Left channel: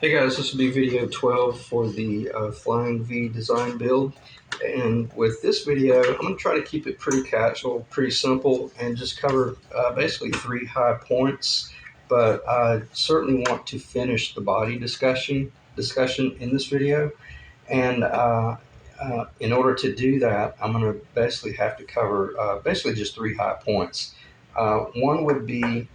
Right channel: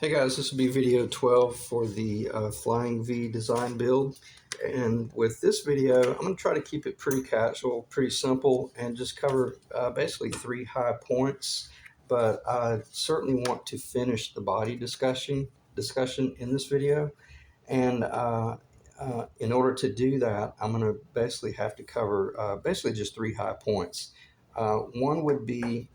Hey guys, this will be video 12 for the Flying V design build. And with this video, I'm going to try to keep it pretty casual, pretty simple, and just cover basically 3 high points. But I certainly want to finish the body discussion in this video. And in order to do that, I'm going to basically have to cover basically just 3 high points. One would be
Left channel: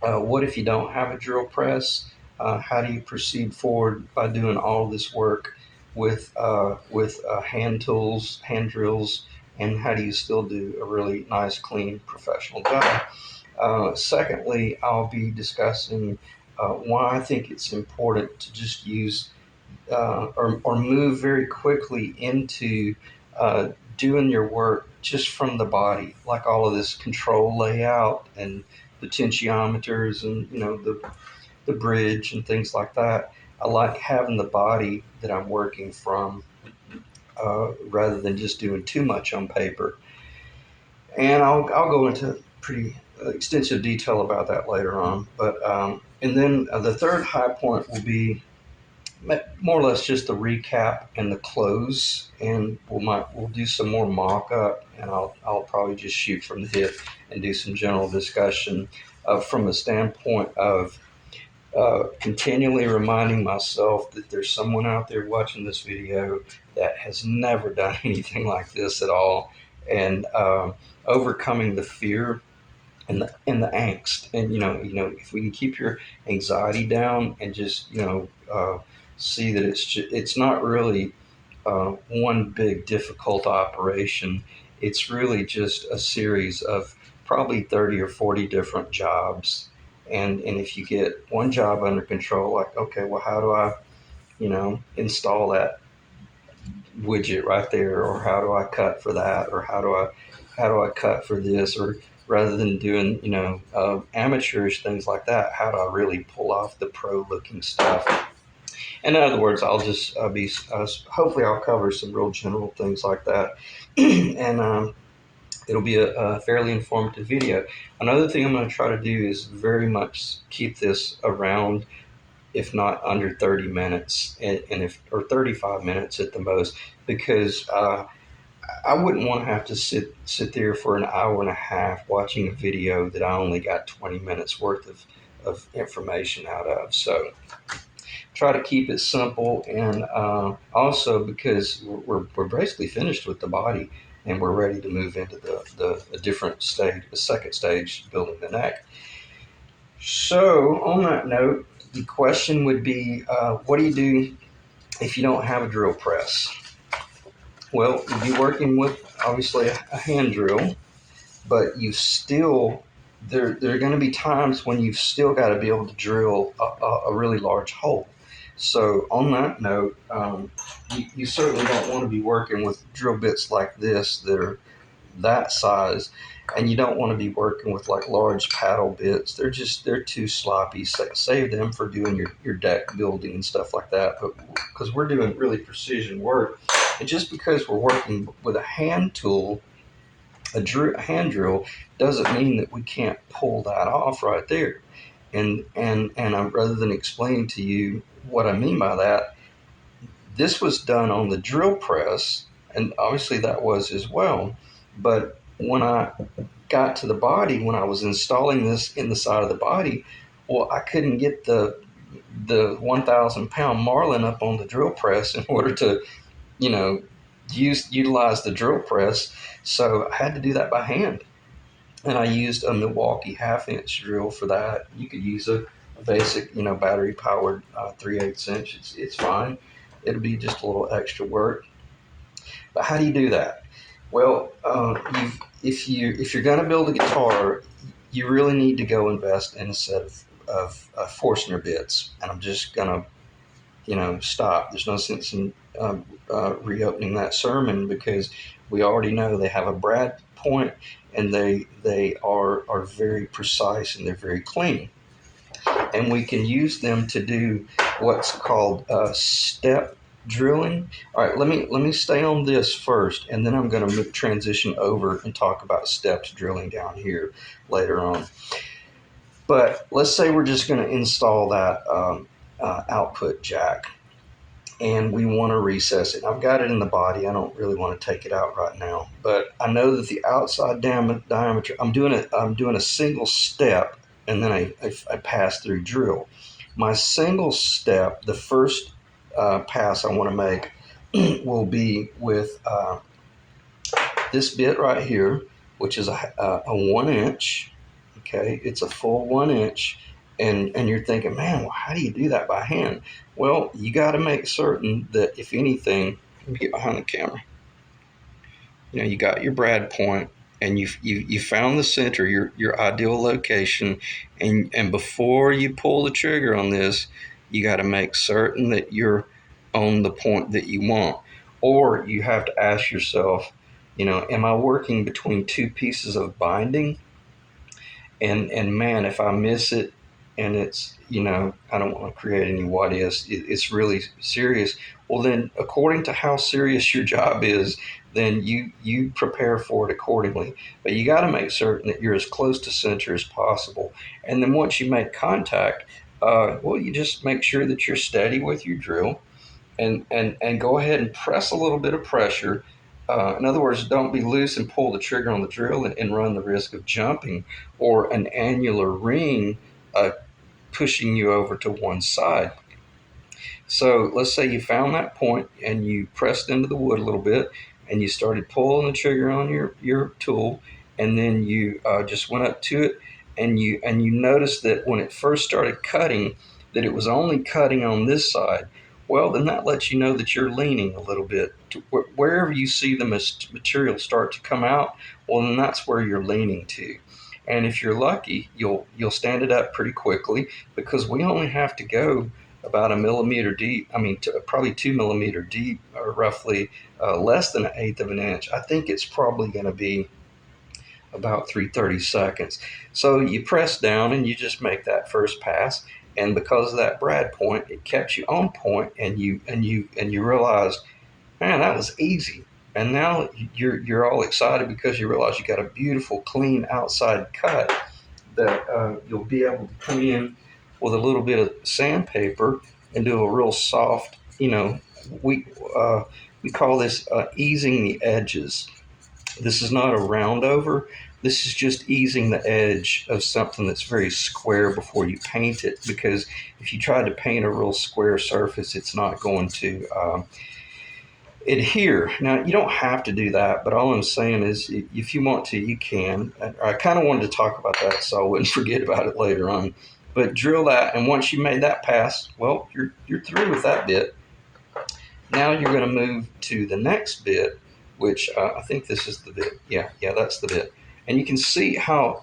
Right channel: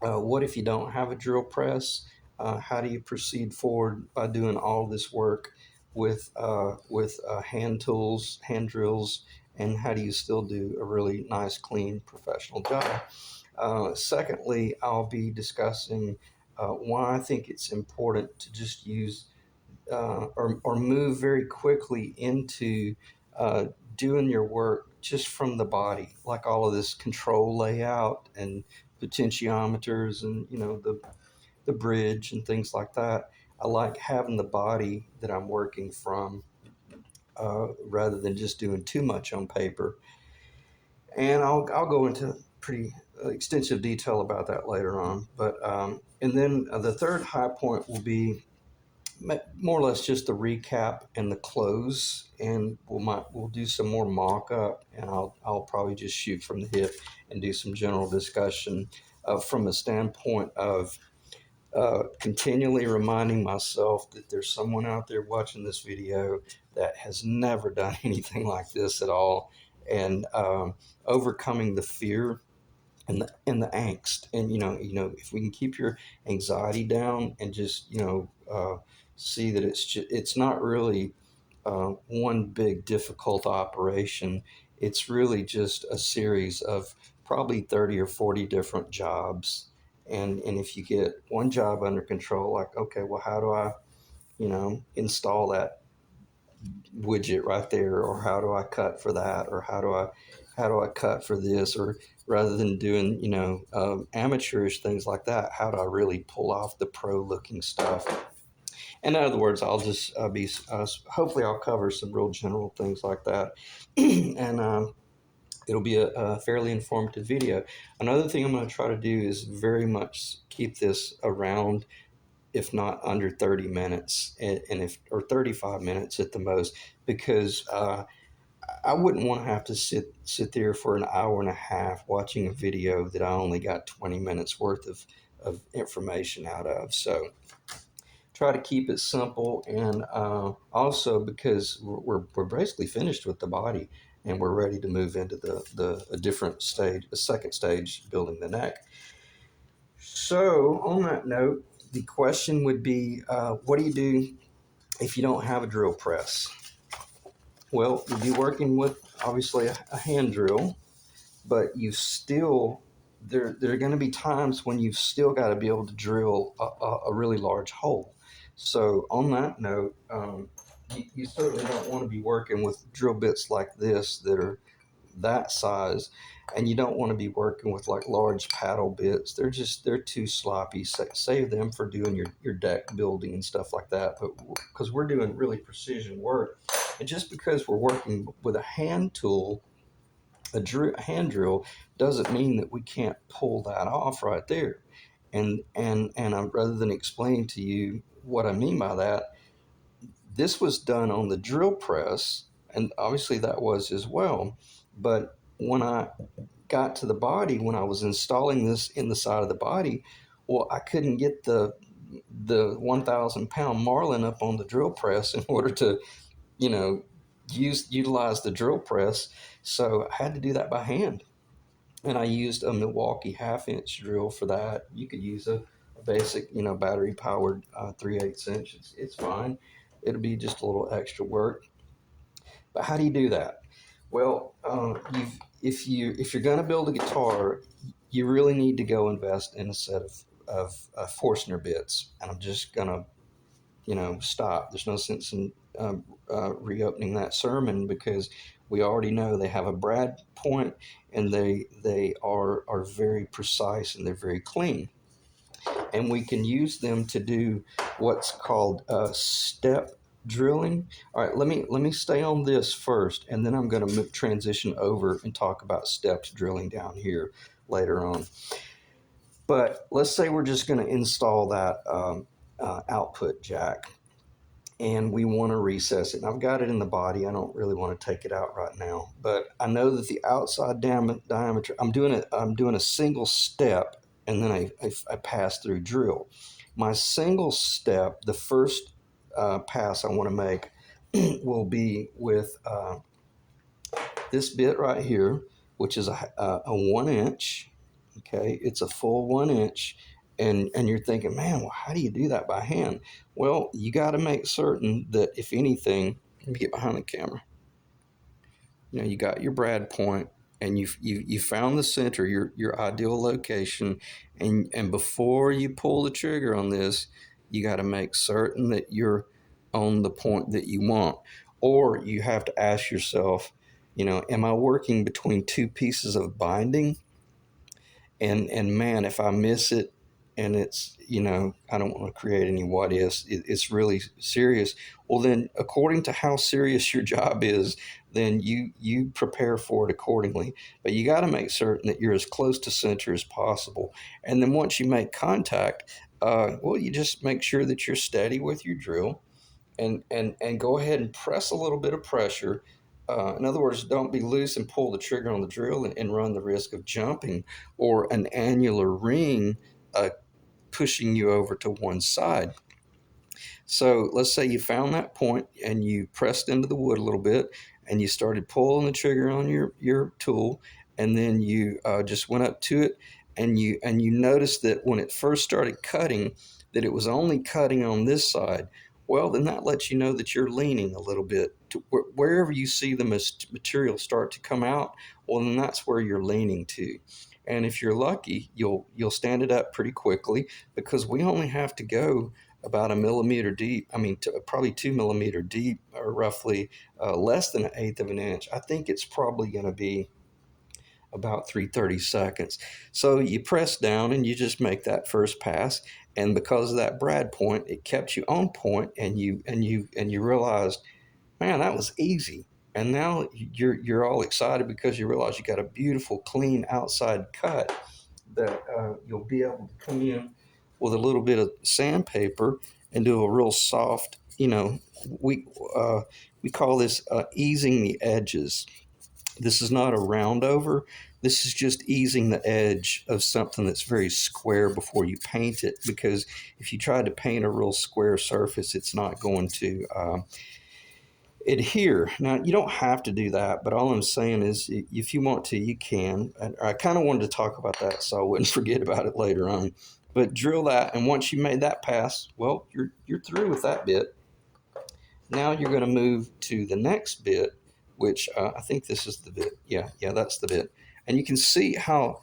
what if you don't have a drill press? How do you proceed forward by doing all this work with hand tools, hand drills, and how do you still do a really nice, clean, professional job? Secondly, I'll be discussing why I think it's important to just use or move very quickly into uh, doing your work just from the body, like all of this control layout and potentiometers and the bridge and things like that. I like having the body that I'm working from rather than just doing too much on paper. And I'll go into pretty extensive detail about that later on. And then the third high point will be more or less just a recap and the close, and we'll do some more mock-up, and I'll probably just shoot from the hip and do some general discussion from a standpoint of continually reminding myself that there's someone out there watching this video that has never done anything like this at all, and overcoming the fear and the angst. And if we can keep your anxiety down and just see that it's not really one big difficult operation. It's really just a series of probably 30 or 40 different jobs. And if you get one job under control, like, okay, well, how do I, install that widget right there, or how do I cut for that, or how do I cut for this, or rather than doing amateurish things like that, how do I really pull off the pro looking stuff? In other words, I'll just be hopefully I'll cover some real general things like that, and it'll be a fairly informative video. Another thing I'm going to try to do is very much keep this around, if not under 30 minutes, and if or 35 minutes at the most, because I wouldn't want to have to sit there for an hour and a half watching a video that I only got 20 minutes worth of information out of. So try to keep it simple, and also because we're basically finished with the body and we're ready to move into the different stage, the second stage, building the neck. So on that note, the question would be, what do you do if you don't have a drill press? Well, you'd be working with obviously a hand drill, but you still there are going to be times when you've still got to be able to drill a really large hole. So on that note, you certainly don't want to be working with drill bits like this that are that size, and you don't want to be working with like large paddle bits. They're too sloppy. Save them for doing your deck building and stuff like that. But because we're doing really precision work, and just because we're working with a hand tool, a hand drill, doesn't mean that we can't pull that off right there. And rather than explain to you what I mean by that, this was done on the drill press, and obviously that was as well. But when I got to the body, when I was installing this in the side of the body, well, I couldn't get the 1,000-pound marlin up on the drill press in order to, you know, utilize the drill press. So I had to do that by hand, and I used a Milwaukee half-inch drill for that. You could use a basic, battery-powered 3/8 inch. It's fine. It'll be just a little extra work. But how do you do that? Well, if you're going to build a guitar, you really need to go invest in a set of Forstner bits. And I'm just going to stop. There's no sense in reopening that sermon, because we already know they have a brad point, and they are very precise, and they're very clean. And we can use them to do what's called step drilling. All right, let me stay on this first, and then I'm going to transition over and talk about steps drilling down here later on. But let's say we're just going to install that output jack, and we want to recess it. I've got it in the body. I don't really want to take it out right now, but I know that the outside diameter. I'm doing a single step, and then I pass through drill. My single step, the first pass I want to make, will be with this bit right here, which is a 1 inch. Okay, it's a full 1 inch, and you're thinking, man, well, how do you do that by hand? Well, you got to make certain that if anything, let me get behind the camera. You got your brad point, and you found the center, your ideal location, and before you pull the trigger on this, you got to make certain that you're on the point that you want, or you have to ask yourself, am I working between two pieces of binding? And man, if I miss it, and it's, I don't want to create any what ifs, it's really serious. Well, then, according to how serious your job is, then you prepare for it accordingly. But you got to make certain that you're as close to center as possible. And then once you make contact, well, you just make sure that you're steady with your drill, and go ahead and press a little bit of pressure. In other words, don't be loose and pull the trigger on the drill, and run the risk of jumping or an annular ring pushing you over to one side. So let's say you found that point and you pressed into the wood a little bit, and you started pulling the trigger on your tool, and then you just went up to it, and you noticed that when it first started cutting, that it was only cutting on this side. Well, then that lets you know that you're leaning a little bit to wherever you see the material start to come out. Well, then that's where you're leaning to. And if you're lucky, you'll stand it up pretty quickly, because we only have to go about a millimeter deep. I mean, probably 2 millimeter deep, or roughly less than 1/8 of an inch. I think it's probably going to be about 3/32. So you press down and you just make that first pass, and because of that brad point, it kept you on point, and you realize, man, that was easy. And now you're all excited because you realize you got a beautiful, clean outside cut that you'll be able to come in with a little bit of sandpaper and do a real soft, we we call this easing the edges. This is not a round over. This is just easing the edge of something that's very square before you paint it, because if you try to paint a real square surface, it's not going to adhere. Now, you don't have to do that, but all I'm saying is, if you want to, you can. I kind of wanted to talk about that so I wouldn't forget about it later on. But drill that, and once you made that pass, well, you're through with that bit. Now you're going to move to the next bit, which I think this is the bit. Yeah, that's the bit. And you can see how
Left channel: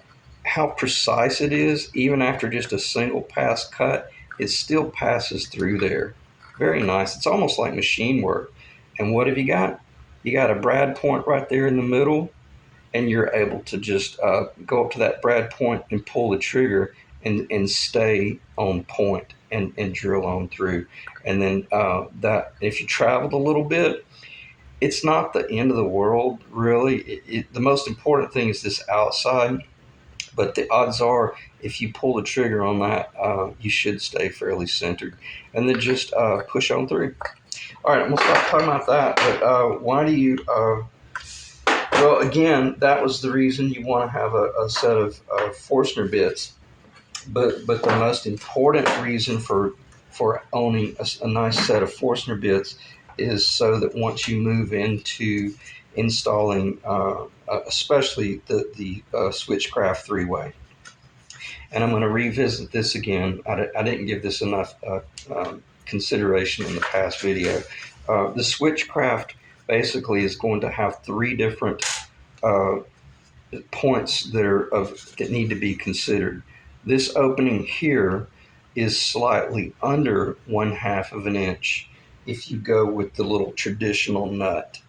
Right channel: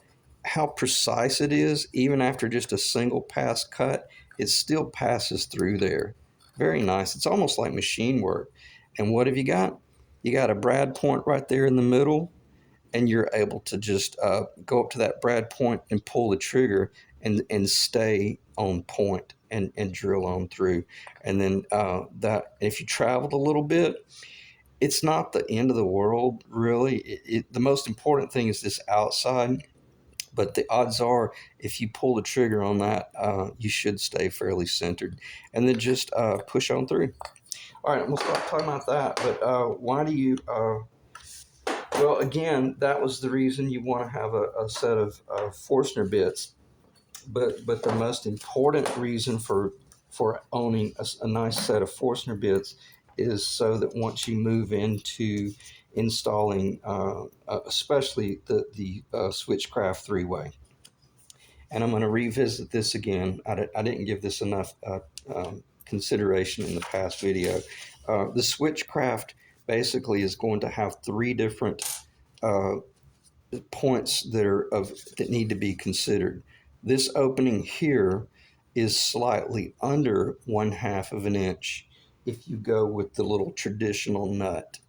precise it is. Even after just a single pass cut, it still passes through there. Very nice. It's almost like machine work. And what have you got? You got a brad point right there in the middle, and you're able to just go up to that brad point and pull the trigger, and stay on point, and drill on through. And then that, if you traveled a little bit, it's not the end of the world, really. The most important thing is this outside, but the odds are, if you pull the trigger on that, you should stay fairly centered, and then just push on through. All right, I'm going to stop talking about that, but why do you... well, again, that was the reason you want to have a set of Forstner bits. But the most important reason for owning a nice set of Forstner bits is so that once you move into installing, especially the Switchcraft 3-way, and I'm going to revisit this again. I didn't give this enough consideration in the past video. The Switchcraft basically is going to have 3 different points that need to be considered. This opening here is slightly under 1/2 of an inch if you go with the little traditional nut,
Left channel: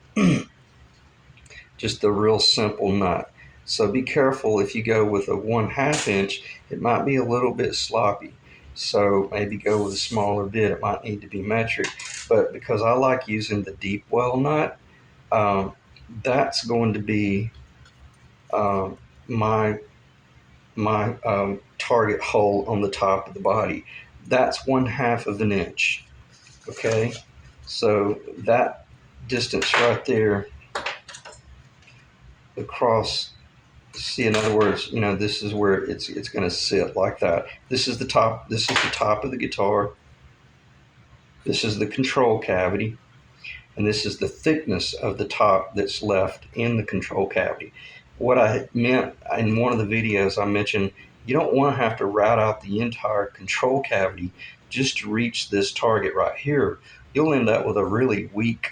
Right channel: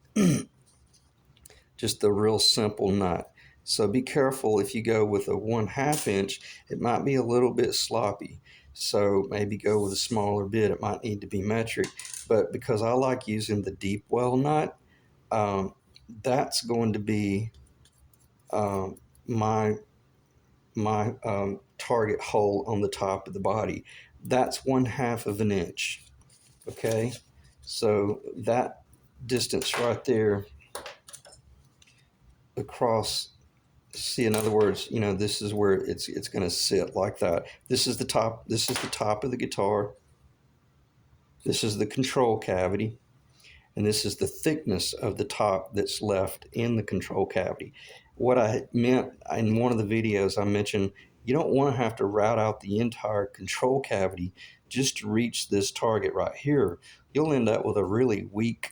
just the real simple nut. So be careful if you go with a 1/2 inch, it might be a little bit sloppy. So maybe go with a smaller bit. It might need to be metric, but because I like using the deep well nut, that's going to be my target hole on the top of the body. that's 1/2 of an inch. Okay, so that distance right there across, see, in other words, this is where it's going to sit like that. This is the top. This is the top of the guitar. This is the control cavity, and this is the thickness of the top that's left in the control cavity. What I meant in one of the videos, I mentioned you don't want to have to route out the entire control cavity just to reach this target right here. You'll end up with a really weak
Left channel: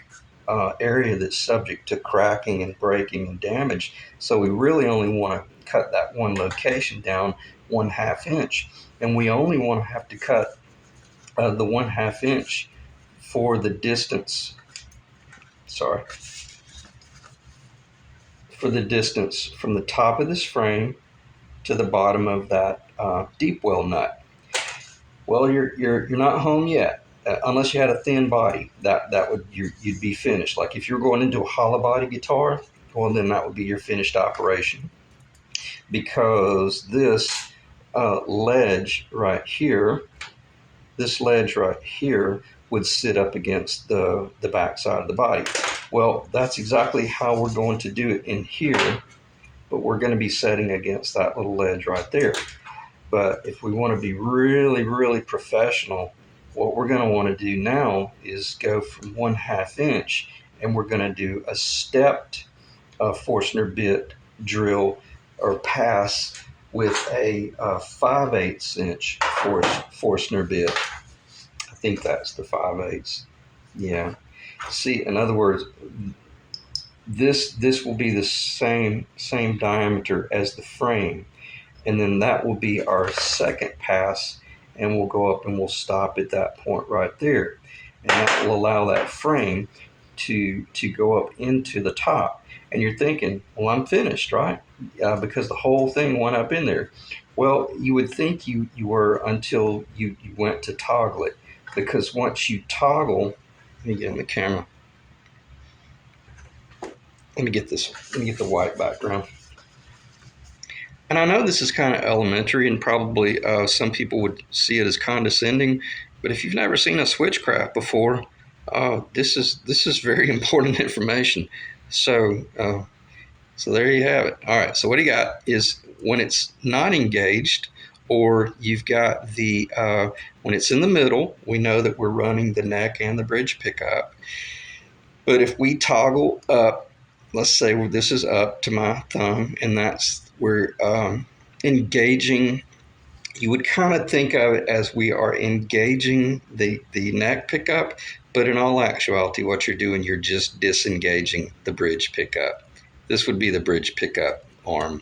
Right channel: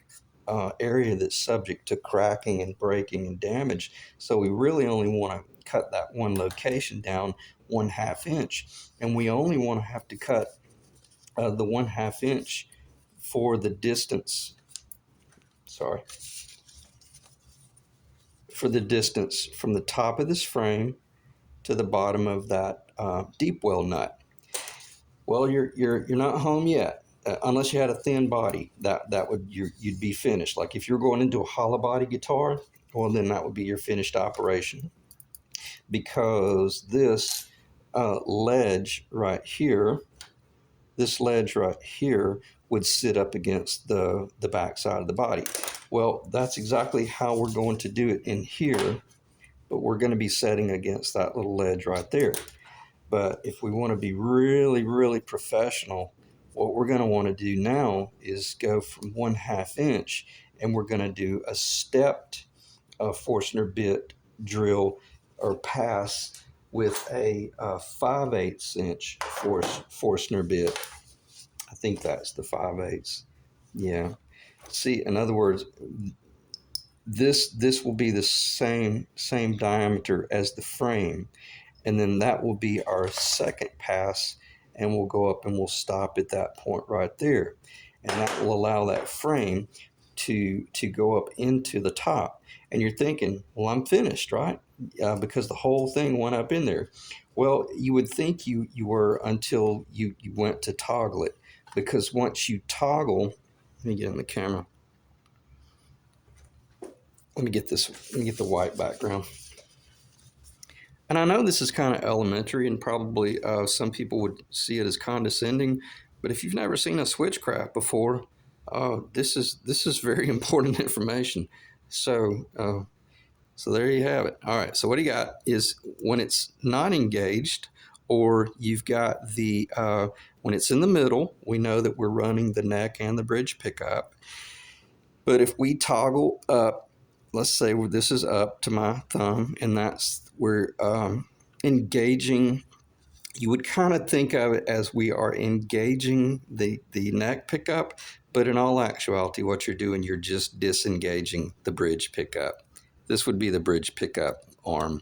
area that's subject to cracking and breaking and damage. So we really only want to cut that one location down 1/2 inch, and we only want to have to cut the 1/2 inch for the distance. Sorry, for the distance from the top of this frame to the bottom of that deep well nut. Well, you're not home yet, unless you had a thin body. That would you'd be finished. Like if you're going into a hollow body guitar, well then that would be your finished operation, because this ledge right here, would sit up against the back side of the body. Well, that's exactly how we're going to do it in here, but we're going to be setting against that little ledge right there. But if we want to be really, really professional, what we're going to want to do now is go from 1/2 inch, and we're going to do a stepped Forstner bit drill or pass with a 5/8 inch Forstner bit. I think that's the 5/8. Yeah. See, in other words, this will be the same diameter as the frame, and then that will be our second pass, and we'll go up and we'll stop at that point right there, and that will allow that frame to go up into the top. And you're thinking, well, I'm finished, right? Because the whole thing went up in there. Well, you would think you were, until you went to toggle it, because once you toggle, let me get in the camera. Let me get the white background. And I know this is kind of elementary, and probably some people would see it as condescending, but if you've never seen a switchcraft before, this is very important information. So there you have it. All right. So what you got is, when it's not engaged, or you've got the when it's in the middle, we know that we're running the neck and the bridge pickup. But if we toggle up, let's say this is up to my thumb, and we're engaging. You would kind of think of it as we are engaging the neck pickup, but in all actuality, what you're doing, you're just disengaging the bridge pickup. This would be the bridge pickup arm.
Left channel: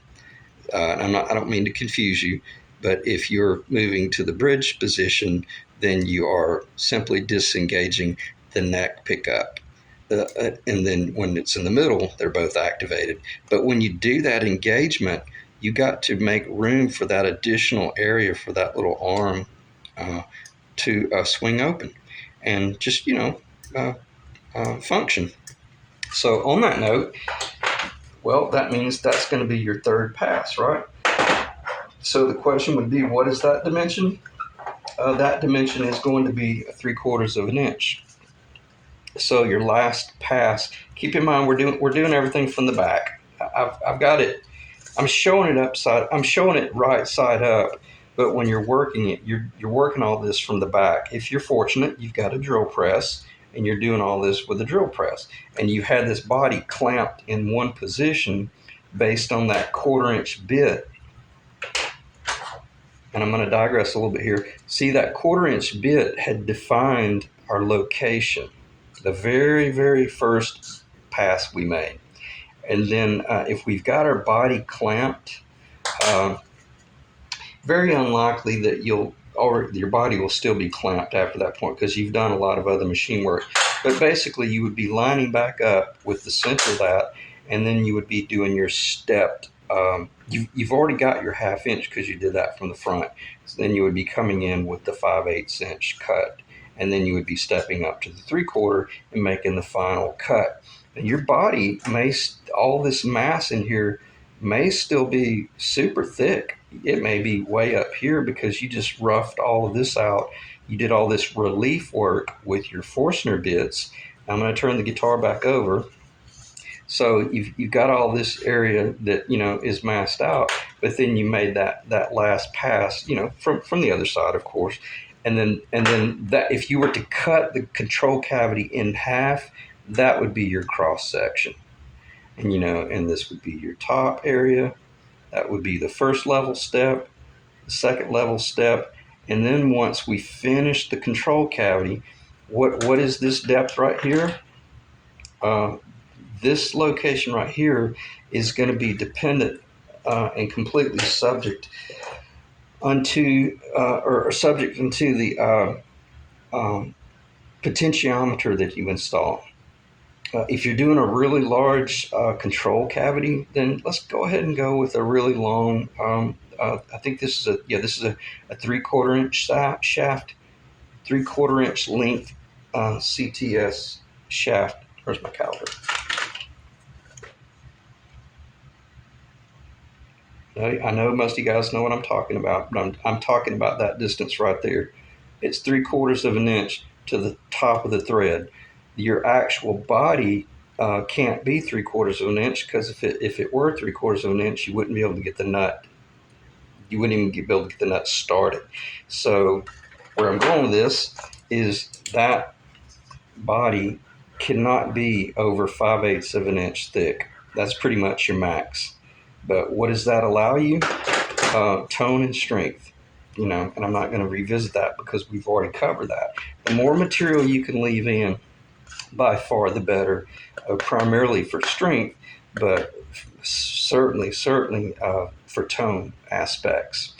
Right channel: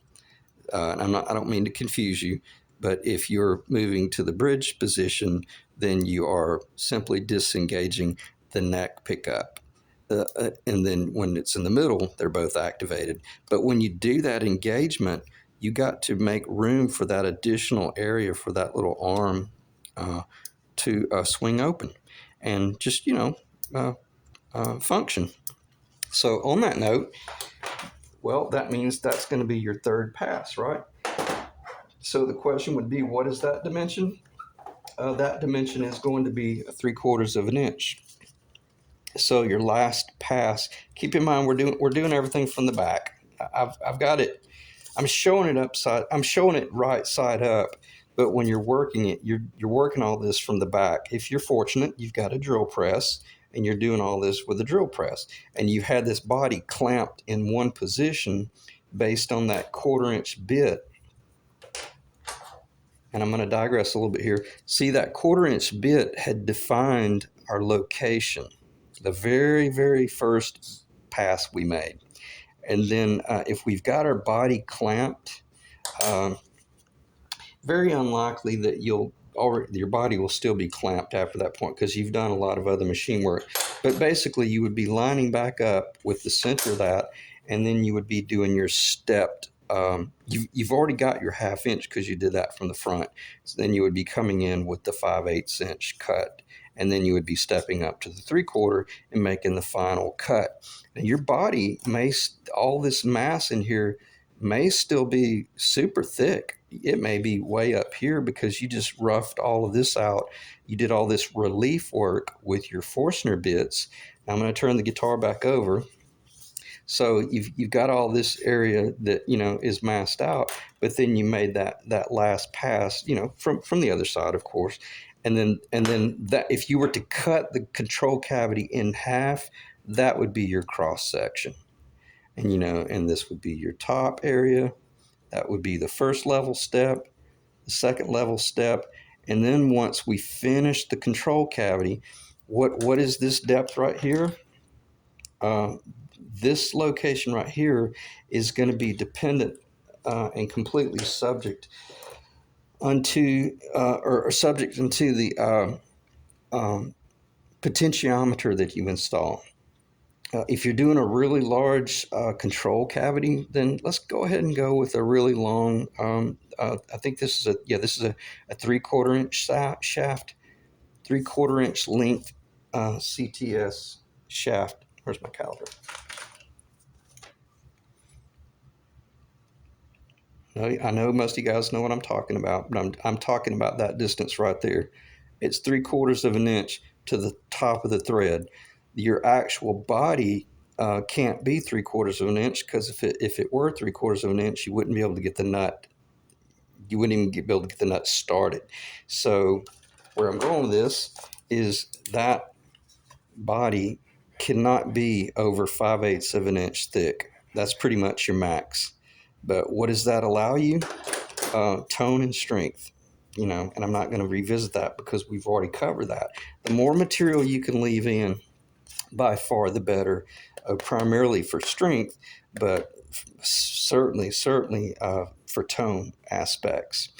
I don't mean to confuse you, but if you're moving to the bridge position, then you are simply disengaging the neck pickup. And then when it's in the middle, they're both activated. But when you do that engagement, you got to make room for that additional area for that little arm to swing open and just, function. So on that note, well, that means that's going to be your third pass, right? So the question would be, what is that dimension? That dimension is going to be 3/4 of an inch. So your last pass, keep in mind we're doing everything from the back. I've got it. I'm showing it right side up, but when you're working it, you're working all this from the back. If you're fortunate, you've got a drill press, and you're doing all this with a drill press, and you've had this body clamped in one position based on that 1/4 inch bit. And I'm going to digress a little bit here. See, that 1/4 inch bit had defined our location, the very, very first pass we made. And then if we've got our body clamped, very unlikely that your body will still be clamped after that point, because you've done a lot of other machine work. But basically, you would be lining back up with the center of that, and then you would be doing your stepped. You've already got your 1/2 inch because you did that from the front. So then you would be coming in with the 5/8 inch cut, and then you would be stepping up to the 3/4 and making the final cut. And your body all this mass in here may still be super thick. it may be way up here because you just roughed all of this out. You did all this relief work with your Forstner bits. I'm going to turn the guitar back over. So you've got all this area that is masked out, but then you made that last pass, from the other side, of course, and then that if you were to cut the control cavity in half, that would be your cross section, and this would be your top area. That would be the first level step, the second level step, and then once we finish the control cavity, what is this depth right here? Uh, this location right here is going to be dependent and completely subject or subject into the potentiometer that you install. If you're doing a really large control cavity, then let's go ahead and go with a really long. I think this is a 3/4 inch shaft, 3/4 inch length CTS shaft. Where's my caliper? I know most of you guys know what I'm talking about, but I'm talking about that distance right there. It's 3/4 of an inch to the top of the thread. Your actual body can't be 3/4 of an inch because if it were 3/4 of an inch, you wouldn't be able to get the nut. You wouldn't even be able to get the nut started. So where I'm going with this is that body cannot be over 5/8 of an inch thick. That's pretty much your max. But what does that allow you? Tone and strength, and I'm not going to revisit that because we've already covered that. The more material you can leave in, by far the better, primarily for strength, but certainly for tone aspects.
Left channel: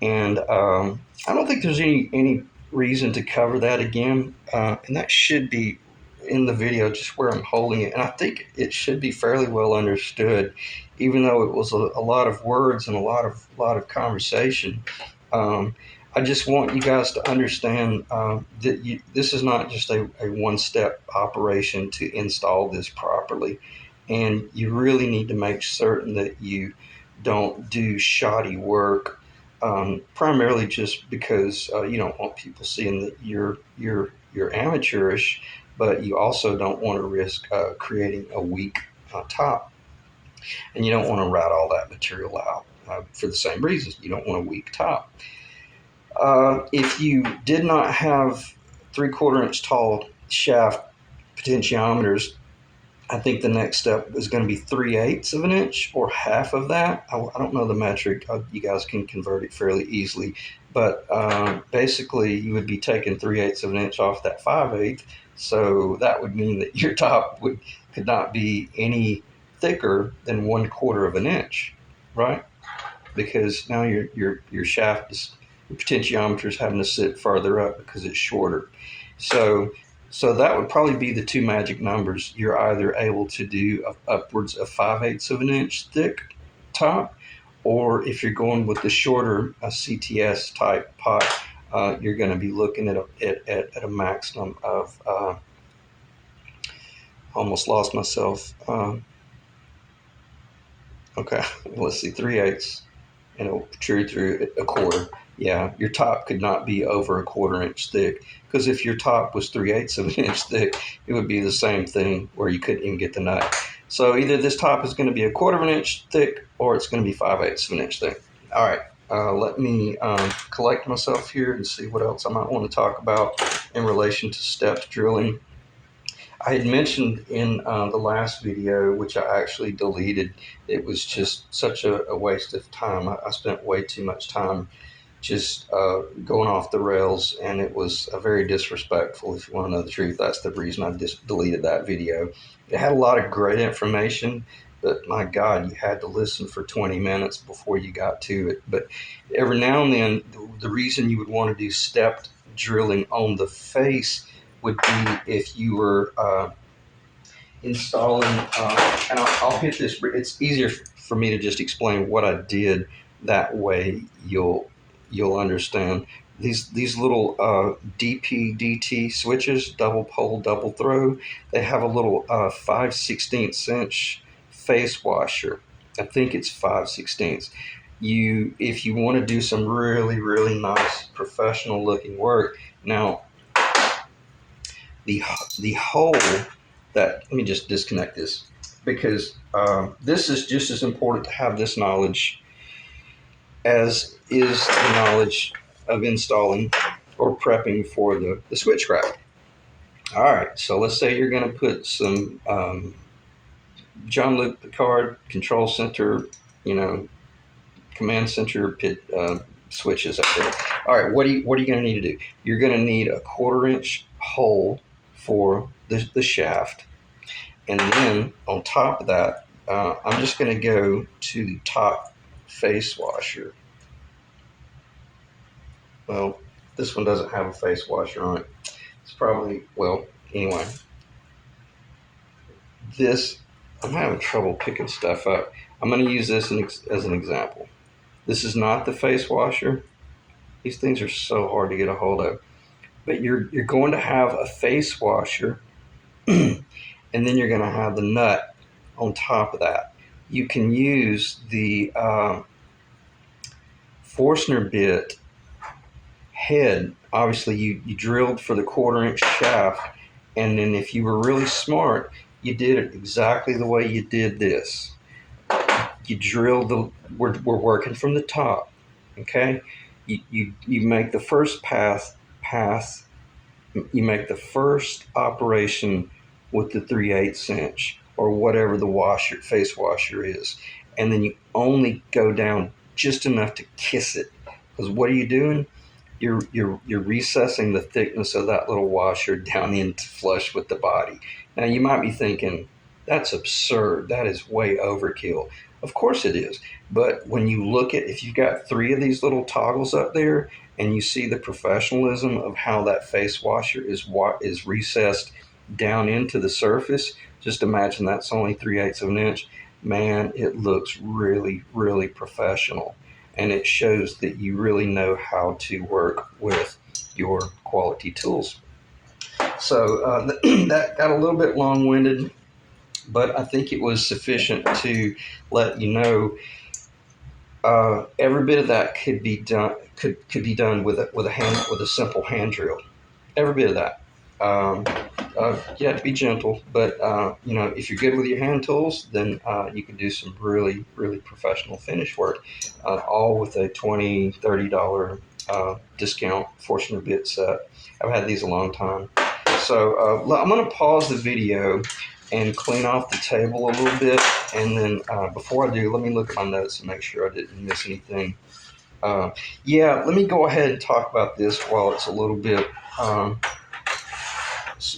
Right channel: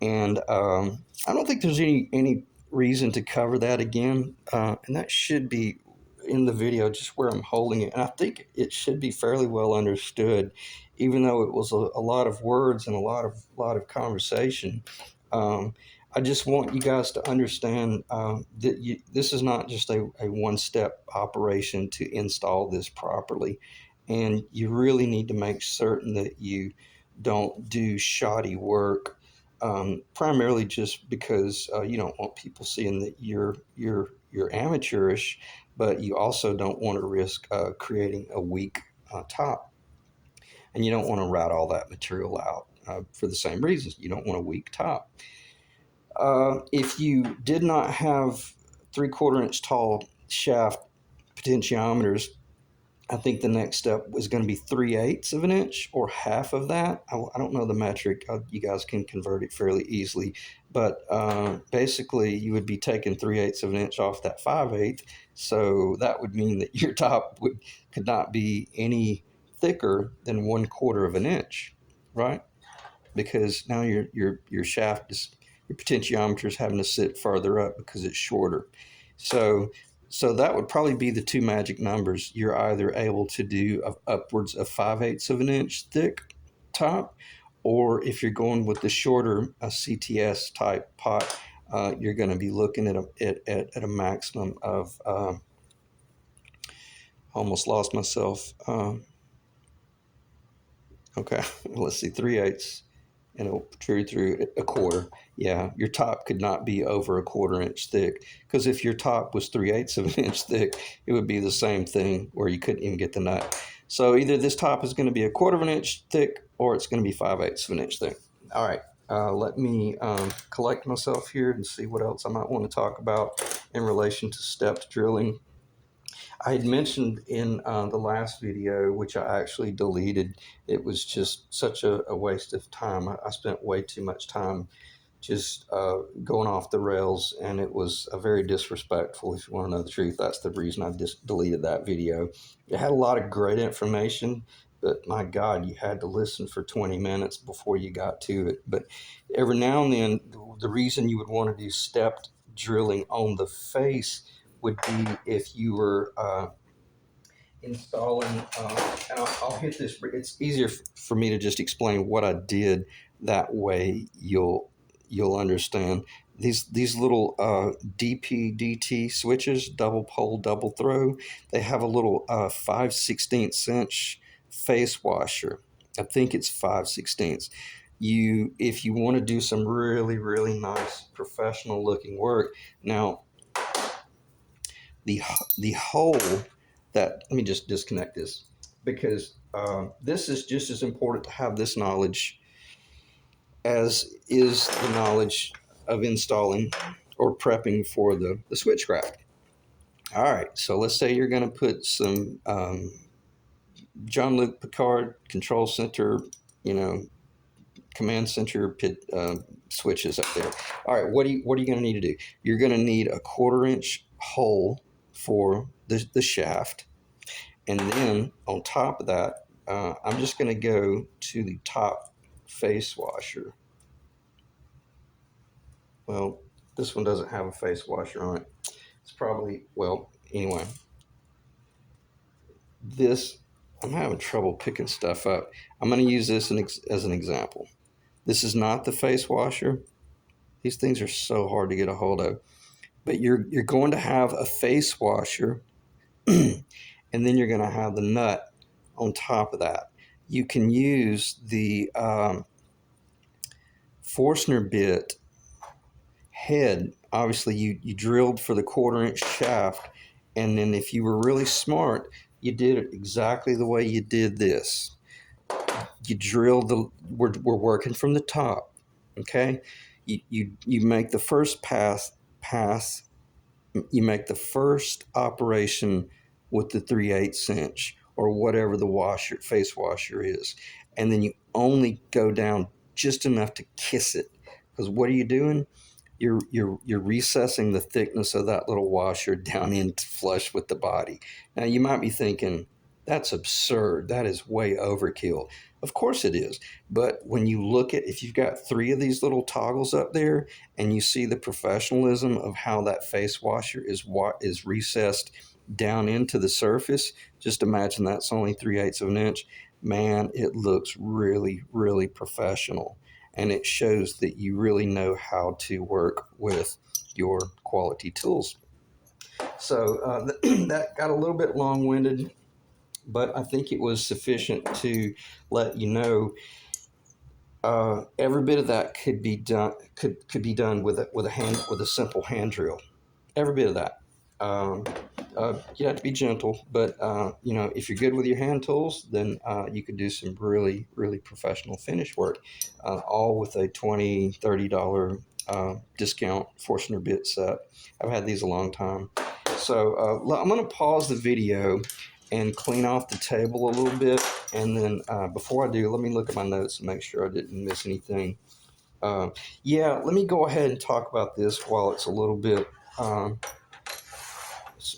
And I don't think there's any reason to cover that again, and that should be in the video just where I'm holding it, and I think it should be fairly well understood, even though it was a lot of words and a lot of conversation. I just want you guys to understand that this is not just a one-step operation to install this properly, and you really need to make certain that you don't do shoddy work, primarily just because you don't want people seeing that you're amateurish, but you also don't want to risk creating a weak top, and you don't want to rat all that material out for the same reasons. You don't want a weak top. If you did not have 3/4 inch tall shaft potentiometers, I think the next step is going to be 3/8 of an inch or half of that. I don't know the metric. You guys can convert it fairly easily, but basically you would be taking 3/8 of an inch off that 5/8. So that would mean that your top could not be any thicker than 1/4 of an inch, right? Because now your shaft is, your potentiometer is having to sit farther up because it's shorter. So that would probably be the two magic numbers. You're either able to do upwards of 5/8 of an inch thick top, or if you're going with the shorter CTS type pot, you're going to be looking at a maximum of almost lost myself. Okay, let's see, 3/8, and it'll protrude through a quarter. Yeah, your top could not be over a 1/4 inch thick, because if your top was 3/8 of an inch thick, it would be the same thing where you couldn't even get the nut. So either this top is going to be a 1/4 of an inch thick, or it's going to be 5/8 of an inch thick. All right, let me collect myself here and see what else I might want to talk about in relation to steps drilling. I had mentioned in the last video, which I actually deleted, it was just such a waste of time. I spent way too much time just going off the rails, and it was very disrespectful. If you want to know the truth, that's the reason I just deleted that video. It had a lot of great information, but my God, you had to listen for 20 minutes before you got to it. But every now and then, the reason you would want to do stepped drilling on the face would be if you were installing, and I'll hit this. It's easier for me to just explain what I did. That way you'll understand. These little DP/DT switches, double pole, double throw, they have a little 5/16 inch face washer. I think it's 5/16. if you want to do some really, really nice professional looking work. Now, the hole that, let me just disconnect this, because this is just as important to have this knowledge as is the knowledge of installing or prepping for the switchcraft. All right, so let's say you're going to put some Jean-Luc Picard control center, command center pit switches up there. All right, what are you going to need to do? You're going to need a 1/4-inch hole for the shaft, and then on top of that, I'm just going to go to the top face washer. Well, this one doesn't have a face washer on it. It's probably, well, anyway. This, I'm having trouble picking stuff up. I'm going to use this as an example. This is not the face washer. These things are so hard to get a hold of. But you're going to have a face washer, and then you're going to have the nut on top of that. You can use the Forstner bit head. Obviously, you drilled for the 1/4-inch shaft, and then if you were really smart, you did it exactly the way you did this. You drill we're working from the top, okay? You make the first pass, you make the first operation with the 3/8 inch or whatever the face washer is, and then you only go down just enough to kiss it. Because what are you doing? You're recessing the thickness of that little washer down into flush with the body. Now you might be thinking, that's absurd. That is way overkill. Of course it is. But when you look at, if you've got 3 of these little toggles up there and you see the professionalism of how that face washer is recessed down into the surface, just imagine that's only 3/8 of an inch. Man, it looks really, really professional. And it shows that you really know how to work with your quality tools. So that got a little bit long-winded, but I think it was sufficient to let you know every bit of that could be done with a simple hand drill. Every bit of that. You have to be gentle, but if you're good with your hand tools, then you can do some really, really professional finish work, all with a $20, $30 discount Forstner bit set. I've had these a long time. So I'm going to pause the video and clean off the table a little bit, and then before I do, let me look at my notes and make sure I didn't miss anything. Yeah, let me go ahead and talk about this while it's a little bit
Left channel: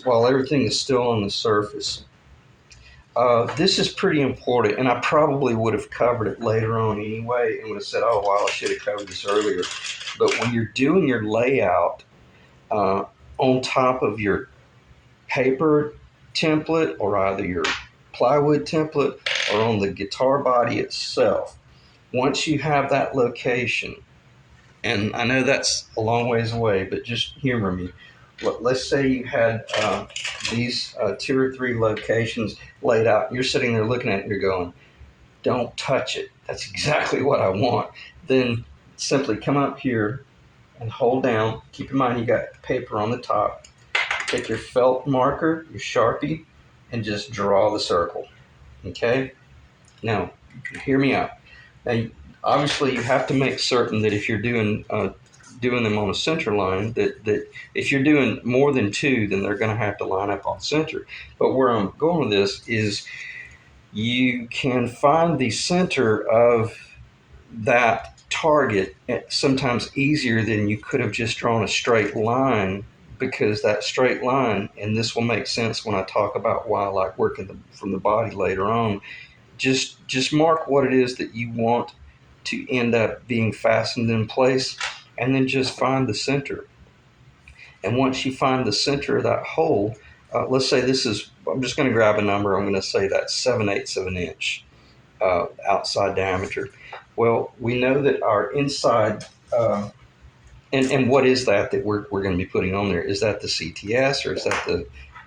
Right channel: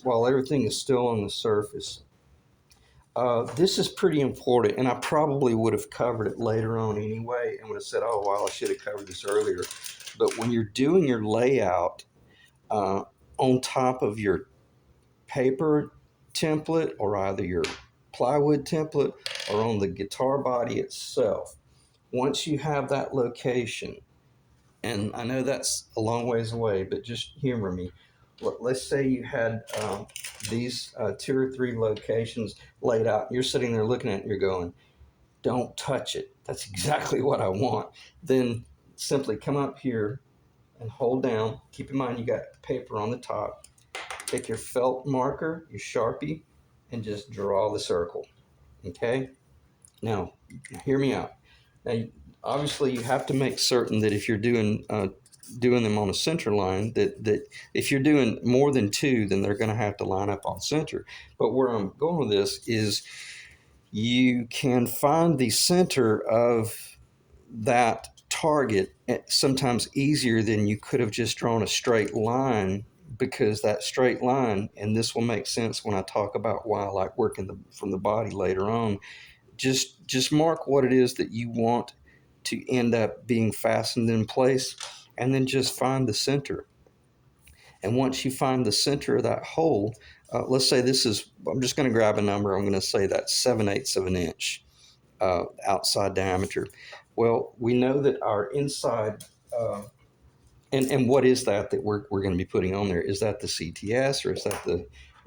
while everything is still on the surface. This is pretty important, and I probably would have covered it later on anyway and would have said, oh, wow, I should have covered this earlier. But when you're doing your layout on top of your paper template or either your plywood template or on the guitar body itself, once you have that location, and I know that's a long ways away, but just humor me. Let's say you had these 2 or 3 locations laid out. You're sitting there looking at it and you're going, don't touch it. That's exactly what I want. Then simply come up here and hold down. Keep in mind you got paper on the top. Take your felt marker, your Sharpie, and just draw the circle. Okay? Now, hear me out. Now, obviously, you have to make certain that if you're doing them on a center line, that if you're doing more than 2, then they're going to have to line up on center. But where I'm going with this is you can find the center of that target sometimes easier than you could have just drawn a straight line, because that straight line, and this will make sense when I talk about why I like working from the body later on, just mark what it is that you want to end up being fastened in place, and then just find the center. And once you find the center of that hole, let's say I'm just going to grab a number, I'm going to say that's 7/8 of an inch outside diameter. Well, we know that our inside, and what is that we're going to be putting on there? Is that the CTS, or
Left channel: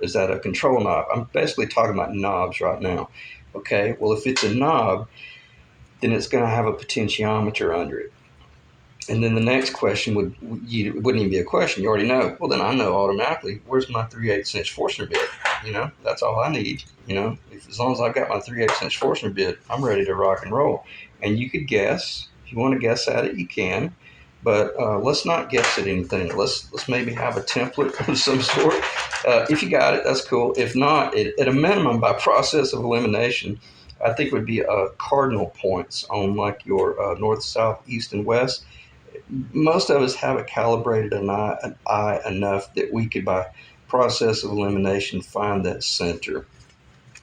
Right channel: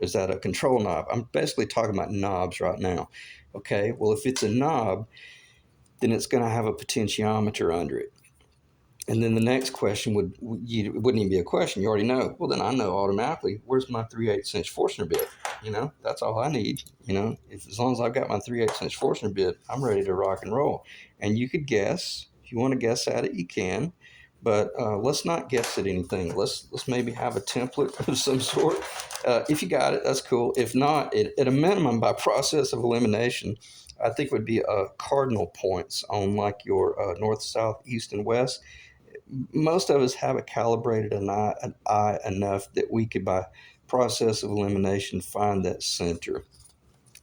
is that a control knob? I'm basically talking about knobs right now. Okay, well, if it's a knob, then it's going to have a potentiometer under it. And then the next question wouldn't even be a question. You already know. Well, then I know automatically, where's my 3/8" Forstner bit? That's all I need. As long as I've got my 3/8" Forstner bit, I'm ready to rock and roll. And you could guess. If you want to guess at it, you can. But let's not guess at anything. Let's maybe have a template of some sort. If you got it, that's cool. If not, at a minimum, by process of elimination, I think it would be cardinal points on like your north, south, east, and west. Most of us have it calibrated an eye enough that we could, by process of elimination, find that center.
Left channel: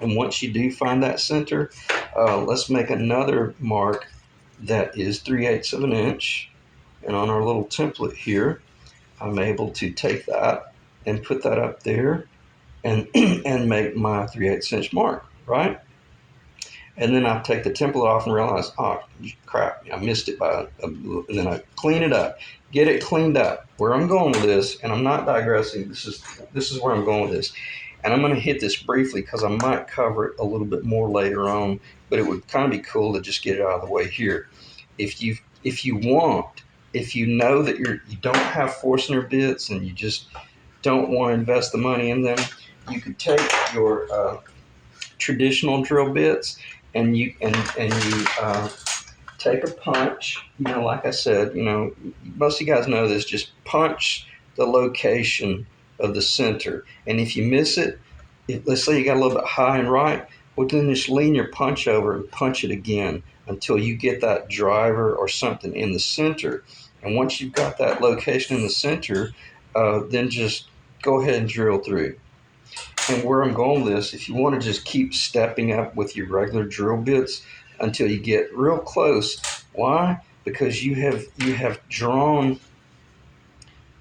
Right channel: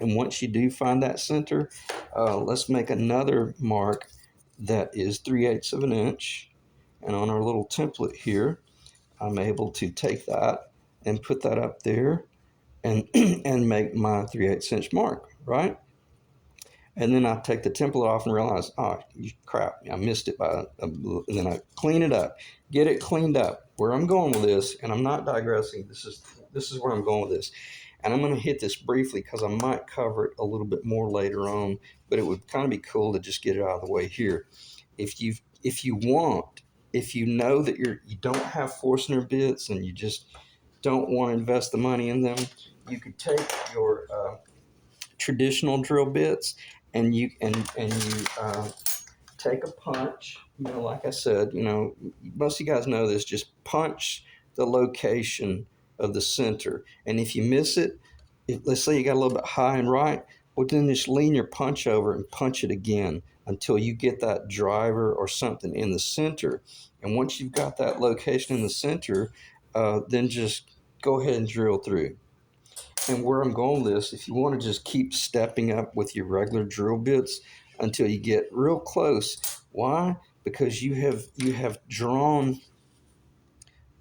And once you do find that center, let's make another mark that is 3/8 of an inch. And on our little template here, I'm able to take that and put that up there and and make my 3/8 inch mark, right? And then I take the template off and realize, oh crap, I missed it and then I clean it up, get it cleaned up. Where I'm going with this, and I'm not digressing, this is where I'm going with this. And I'm going to hit this briefly because I might cover it a little bit more later on, but it would kind of be cool to just get it out of the way here. If you know that you don't have Forstner bits and you just don't want to invest the money in them, you could take your traditional drill bits and you take a punch. Like I said, most of you guys know this. Just punch the location of the center, and if you miss it, let's say you got a little bit high and right, well then just lean your punch over and punch it again until you get that driver or something in the center. And once you've got that location in the center, then just go ahead and drill through. And where I'm going with this, if you want to just keep stepping up with your regular drill bits until you get real close. Why? Because you have drawn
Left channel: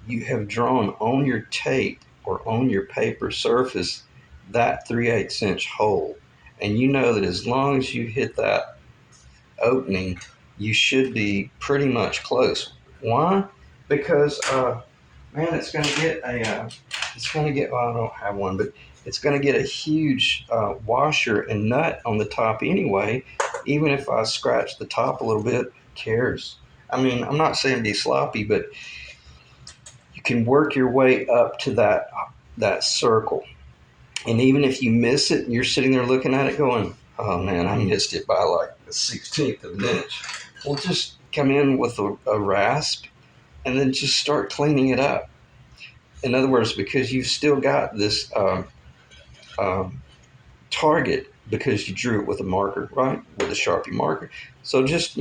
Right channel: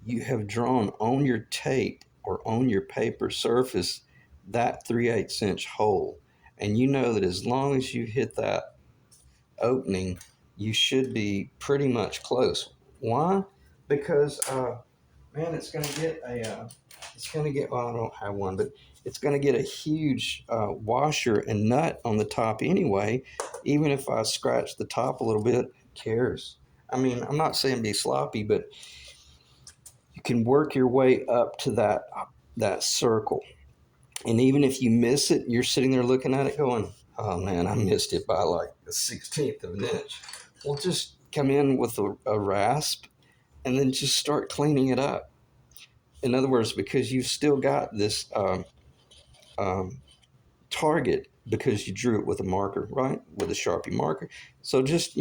on your tape or on your paper surface that 3/8 inch hole. And you know that as long as you hit that opening, you should be pretty much close. Why? Because man, it's going to get well, I don't have one, but it's going to get a huge washer and nut on the top anyway. Even if I scratch the top a little bit, cares? I mean, I'm not saying be sloppy, but you can work your way up to that circle. And even if you miss it, you're sitting there looking at it going, oh man, I missed it by like a 1/16 of an inch. Well, just come in with a rasp and then just start cleaning it up. In other words, because you've still got this target because you drew it with a marker, right? With a Sharpie marker. So just,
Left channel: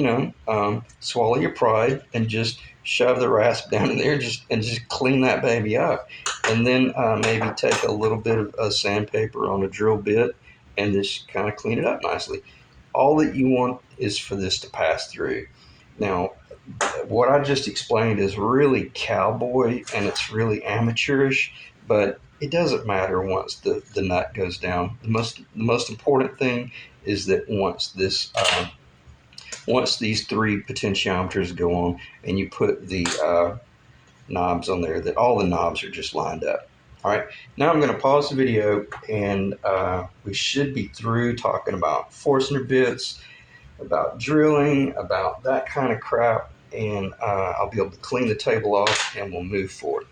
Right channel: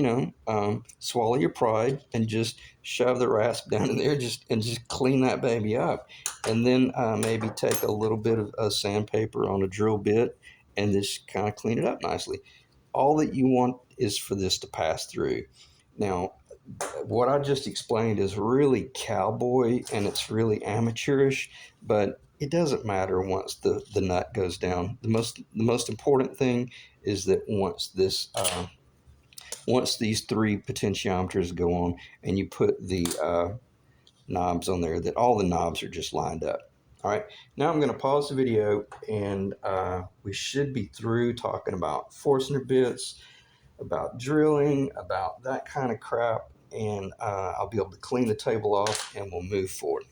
swallow your pride and just shove the rasp down in there and just clean that baby up. And then maybe take a little bit of sandpaper on a drill bit and just kind of clean it up nicely. All that you want is for this to pass through. Now, what I just explained is really cowboy and it's really amateurish, but it doesn't matter once the nut goes down. The most important thing is that once these three potentiometers go on and you put the knobs on there, that all the knobs are just lined up. All right, now I'm going to pause the video and we should be through talking about Forstner bits, about drilling, about that kind of crap, and I'll be able to clean the table off and we'll move forward.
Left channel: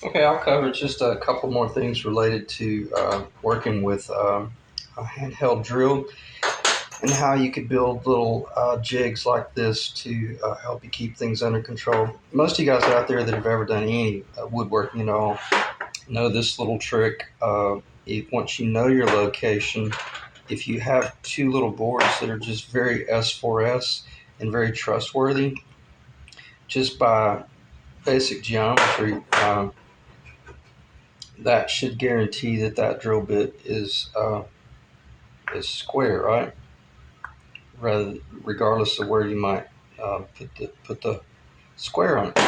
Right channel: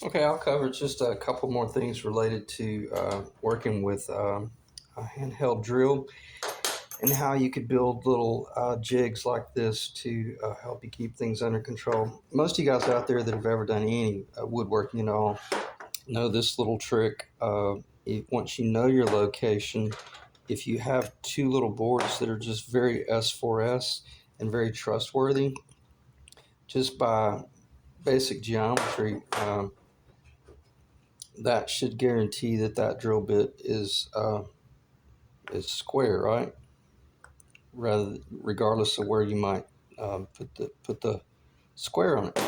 Okay, I'll cover just a couple more things related to working with a handheld drill and how you could build little jigs like this to help you keep things under control. Most of you guys out there that have ever done any woodworking at all know this little trick. Once you know your location, if you have two little boards that are just very S4S and very trustworthy, just by basic geometry, that should guarantee that drill bit is square, right? Regardless of where you might put the square on it.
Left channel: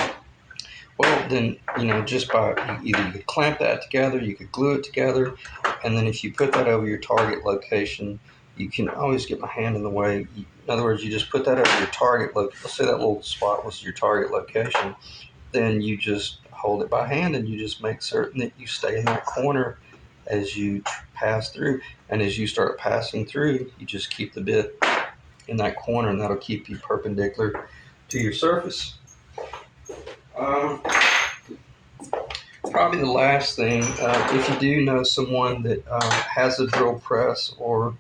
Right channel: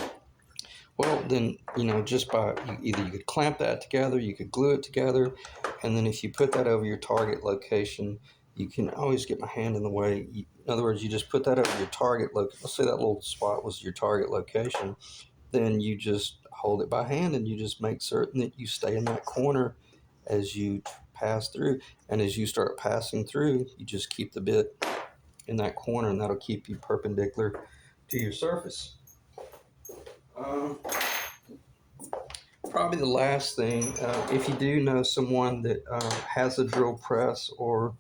Well, then, just by either you could clamp that together, you could glue it together, and then if you put that over your target location, you can always get my hand in the way. In other words, you just put that over your target let's say that little spot was your target location, then you just hold it by hand and you just make certain that you stay in that corner as you pass through. And as you start passing through, you just keep the bit in that corner, and that'll keep you perpendicular to your surface. Probably the last thing, if you do know someone that has a drill press, or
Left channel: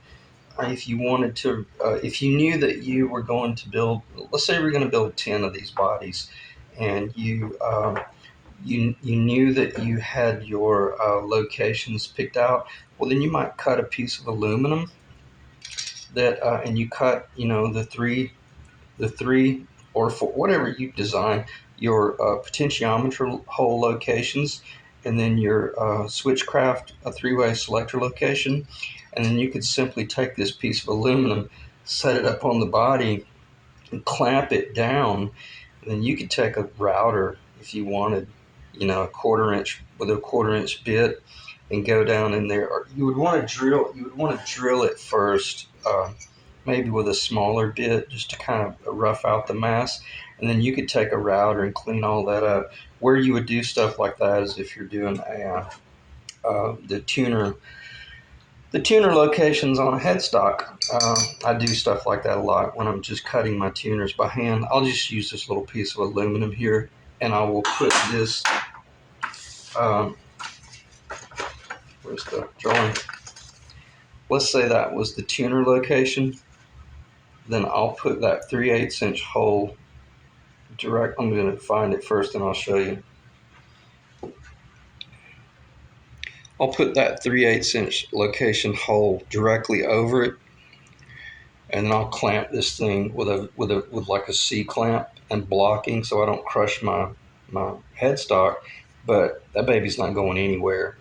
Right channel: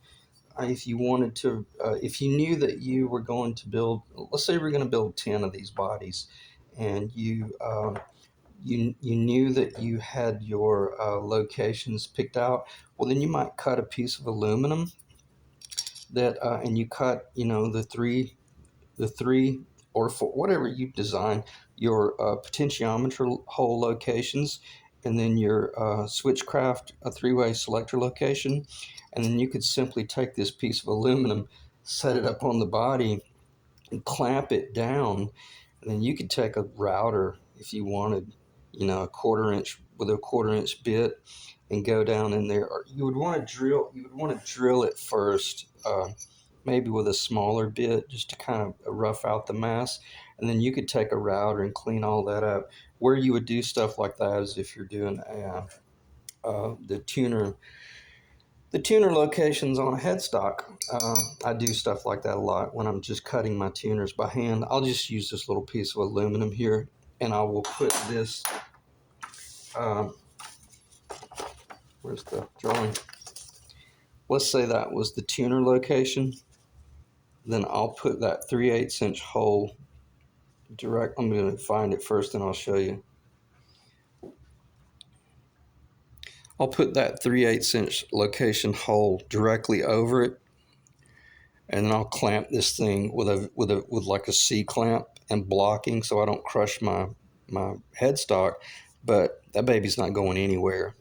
if you wanted to, if you knew that you were going to build, let's say we're going to build 10 of these bodies, and you knew that you had your locations picked out, well, then you might cut a piece of aluminum that, and you cut, the three or four, whatever you design, your potentiometer hole locations, and then your switchcraft, a three-way selector location, and then you could simply take this piece of aluminum, set it up on the body, and clamp it down. And then you could take a router if you wanted, a quarter-inch with a quarter-inch bit, and go down in there. Or you would want to drill it first, maybe with a smaller bit, just to kind of rough out the mass. And then you could take a router and clean all that up. Where you would do stuff like that is if you're doing the tuner locations on a headstock. I do stuff like that a lot when I'm just cutting my tuners by hand. I'll just use this little piece of aluminum here, and I will put this, where's the drawing? Let's say that was the tuner location. Then I'll put that 3/8 inch hole direct. I'm going to find it first and I'll show you. I'll put that 3/8 inch location hole directly over it, and then I'll clamp this thing with like a C clamp and blocking, so I don't crush my headstock. But that baby's not going anywhere,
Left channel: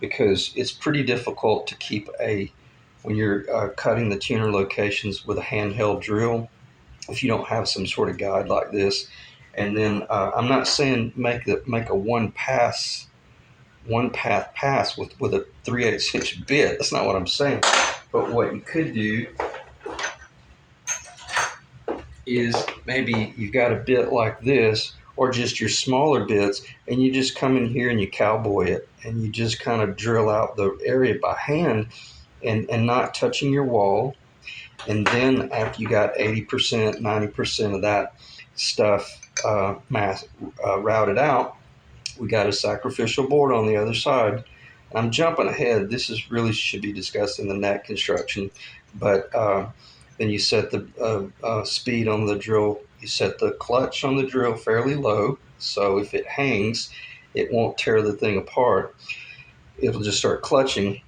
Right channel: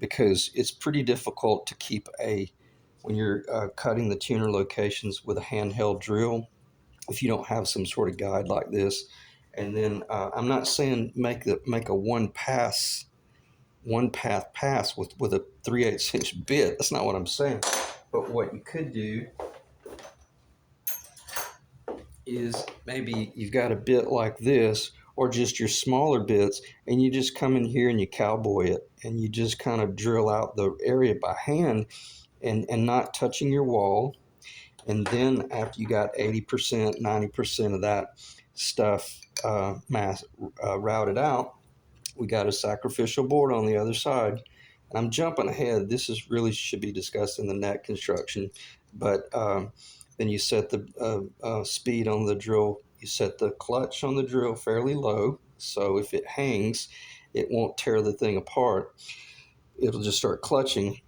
because it's pretty difficult to keep when you're cutting the tuner locations with a handheld drill, if you don't have some sort of guide like this. And then I'm not saying make a one path pass with a 3/8 inch bit. That's not what I'm saying. But what you could do is, maybe you've got a bit like this, or just your smaller bits, and you just come in here and you cowboy it, and you just kind of drill out the area by hand, and not touching your wall. And then after you got 80%, 90% of that stuff routed out, we got a sacrificial board on the other side. I'm jumping ahead. This should be discussed in the net construction. But then you set the speed on the drill. You set the clutch on the drill fairly low, so if it hangs, it won't tear the thing apart. It'll just start clutching.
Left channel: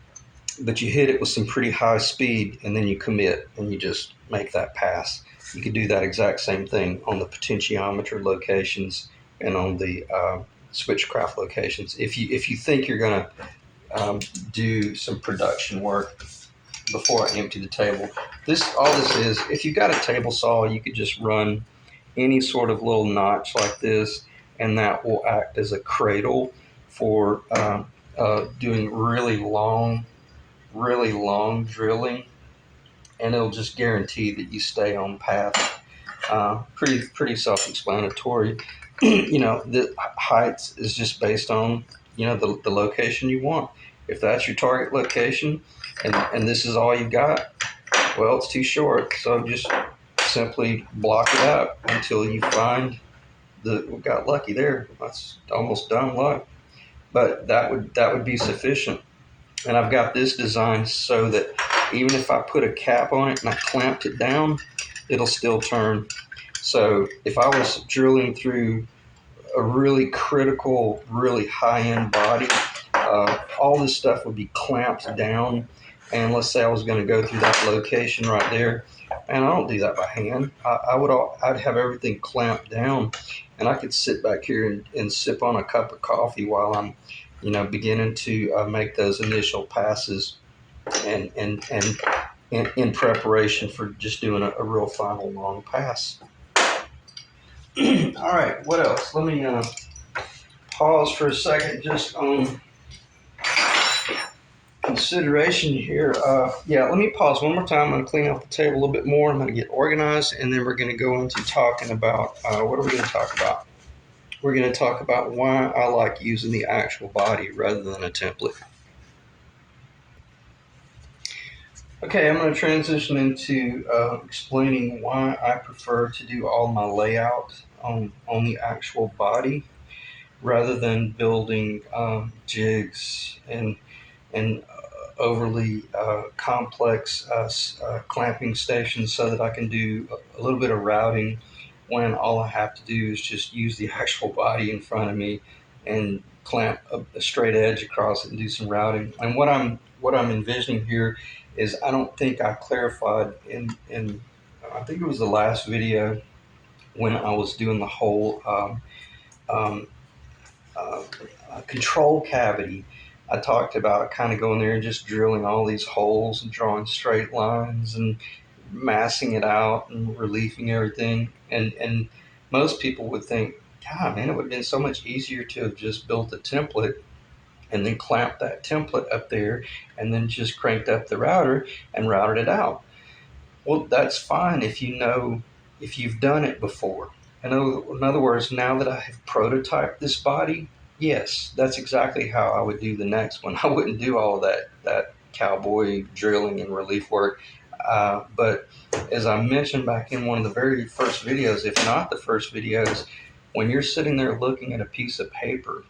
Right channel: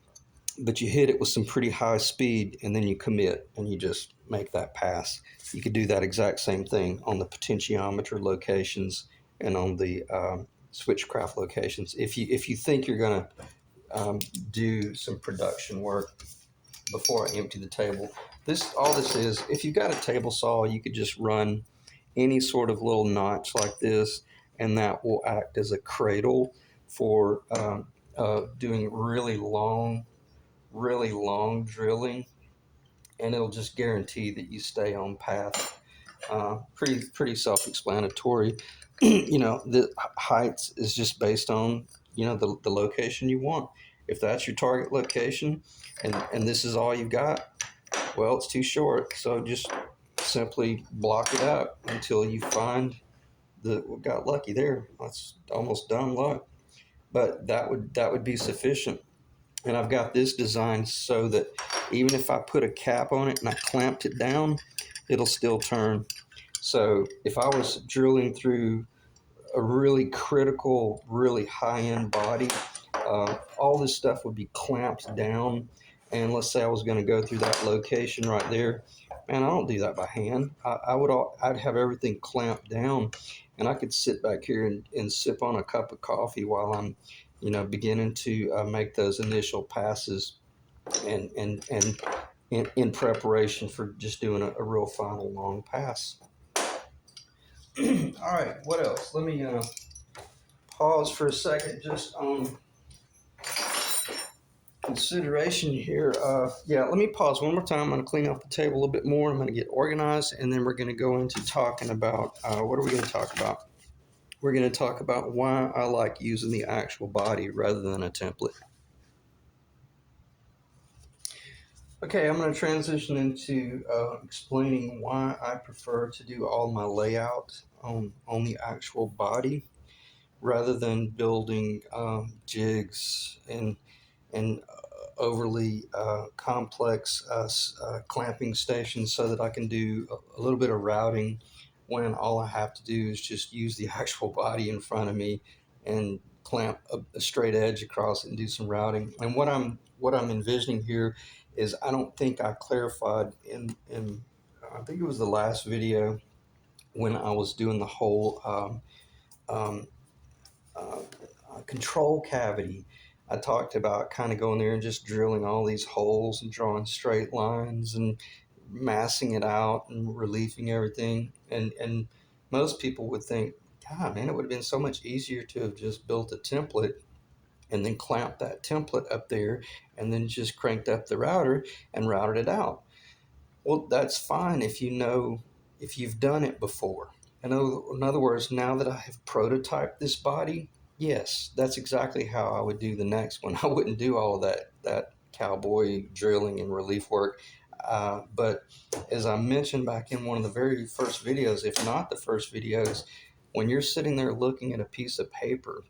But you hit it with some pretty high speed, and then you commit, and you just make that pass. You could do that exact same thing on the potentiometer locations and on the switchcraft locations. If you think you're going to do some production work before I empty the table, all this is, if you've got a table saw, you could just run any sort of little notch like this, and that will act as a cradle for doing really long drilling, and it'll just guarantee that you stay on path. Pretty self-explanatory. The heights is just based on the location you want. If that's your target location, and this is all you got, well, it's too short. So just simply block it up until you find we got lucky there. That's almost dumb luck, but that would be sufficient. And I've got this designed so that even if I put a cap on it and I clamped it down, it'll still turn. So if I was drilling through a really critical, really high-end body, all this stuff would be clamped down. And let's say I was going to go through that location right there, and I don't do that by hand. I'd have everything clamped down, and I could sit back here and sip on a cup of coffee while I'm beginning to make those initial passes, and in preparation for just doing a real final long pass. All right, what else? Let me pause for a second just on consideration here. Let me pause one more time. I'm going to clean up the table a little bit more. I'm going to get organized, and then we're going to go into talking about, what are we going to talk about? We're going to talk about why I like using the actual body rather than a template. Okay, I'm going to transition into explaining why I prefer to do all my layout on the actual body rather than building jigs and overly complex clamping stations so that I can do a little bit of routing when all I have to do is just use the actual body in front of me and clamp a straight edge across it and do some routing. And what I'm envisioning here is I don't think I clarified in I think it was the last video when I was doing the whole um, uh, control cavity. I talked about kind of going there and just drilling all these holes and drawing straight lines and massing it out and relieving everything. And most people would think, God, man, it would have been so much easier to have just built a template and then clamped that template up there and then just cranked up the router and routed it out. Well, that's fine if you know, if you've done it before. In other words, now that I have prototyped this body, yes, that's exactly how I would do the next one. I wouldn't do all that cowboy drilling and relief work. But as I mentioned back in one of the very first videos, if not the first videos, when you're sitting there looking at a piece of paper,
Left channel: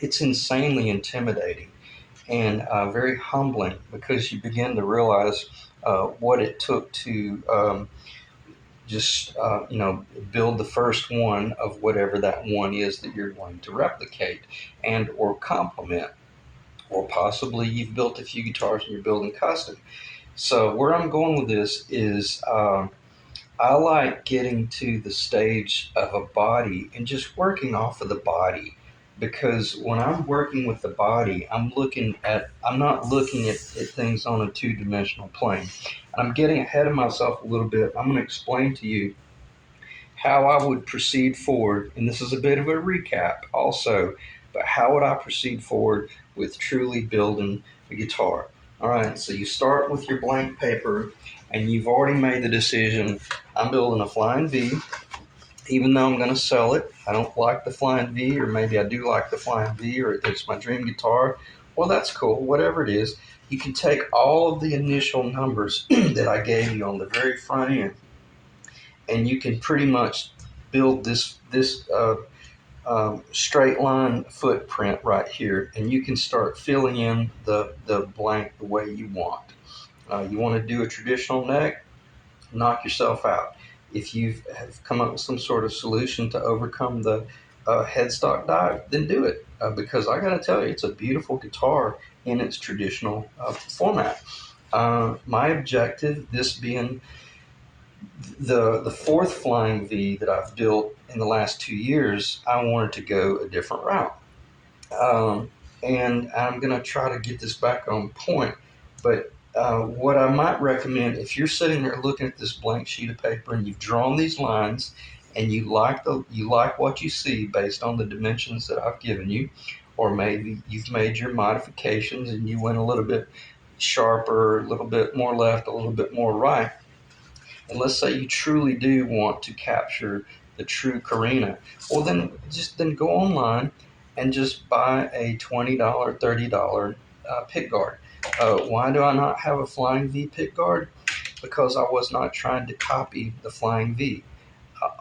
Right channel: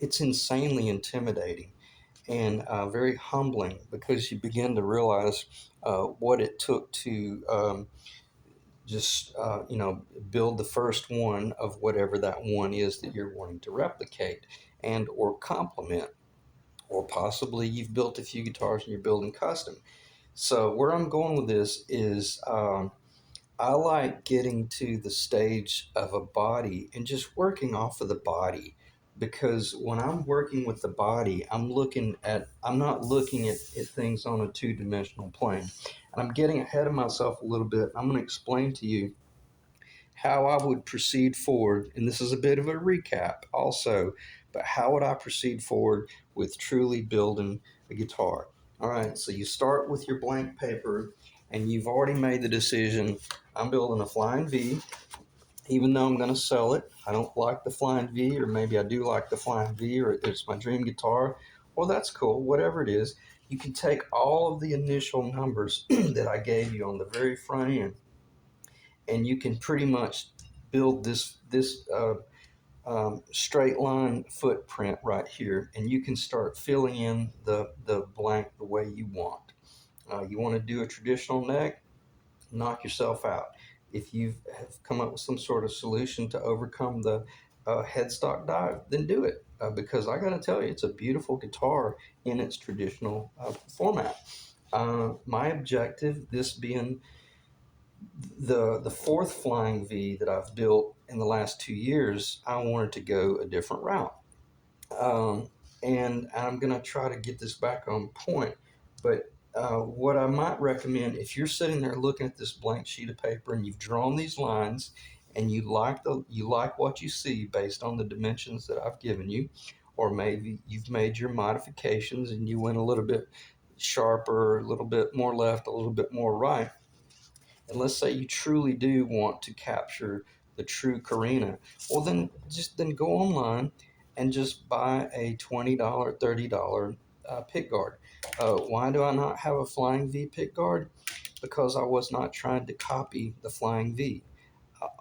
it's insanely intimidating and very humbling because you begin to realize what it took to just build the first one of whatever that one is that you're going to replicate and or complement, or possibly you've built a few guitars and you're building custom. So where I'm going with this is I like getting to the stage of a body and just working off of the body, because when I'm working with the body, I'm not looking at things on a two-dimensional plane. And I'm getting ahead of myself a little bit. I'm going to explain to you how I would proceed forward, and this is a bit of a recap also, but how would I proceed forward with truly building a guitar? All right, so you start with your blank paper, and you've already made the decision. I'm building a Flying V, even though I'm going to sell it. I don't like the Flying V, or maybe I do like the Flying V, or it's my dream guitar. Well, that's cool, whatever it is. You can take all of the initial numbers that I gave you on the very front end, and you can pretty much build this straight line footprint right here, and you can start filling in the blank the way you want. You want to do a traditional neck, knock yourself out. If you have come up with some sort of solution to overcome the headstock dive, then do it, because I got to tell you, it's a beautiful guitar in its traditional format. My objective, this being the fourth Flying V that I've built in the last 2 years, I wanted to go a different route. And I'm going to try to get this back on point. But what I might recommend, if you're sitting there looking at this blank sheet of paper and you've drawn these lines and you like what you see based on the dimensions that I've given you, or maybe you've made your modifications and you went a little bit sharper, a little bit more left, a little bit more right, and let's say you truly do want to capture the true Carina, well then go online and just buy a $20, $30 pick guard. Why do I not have a Flying V pick guard? Because I was not trying to copy the Flying V.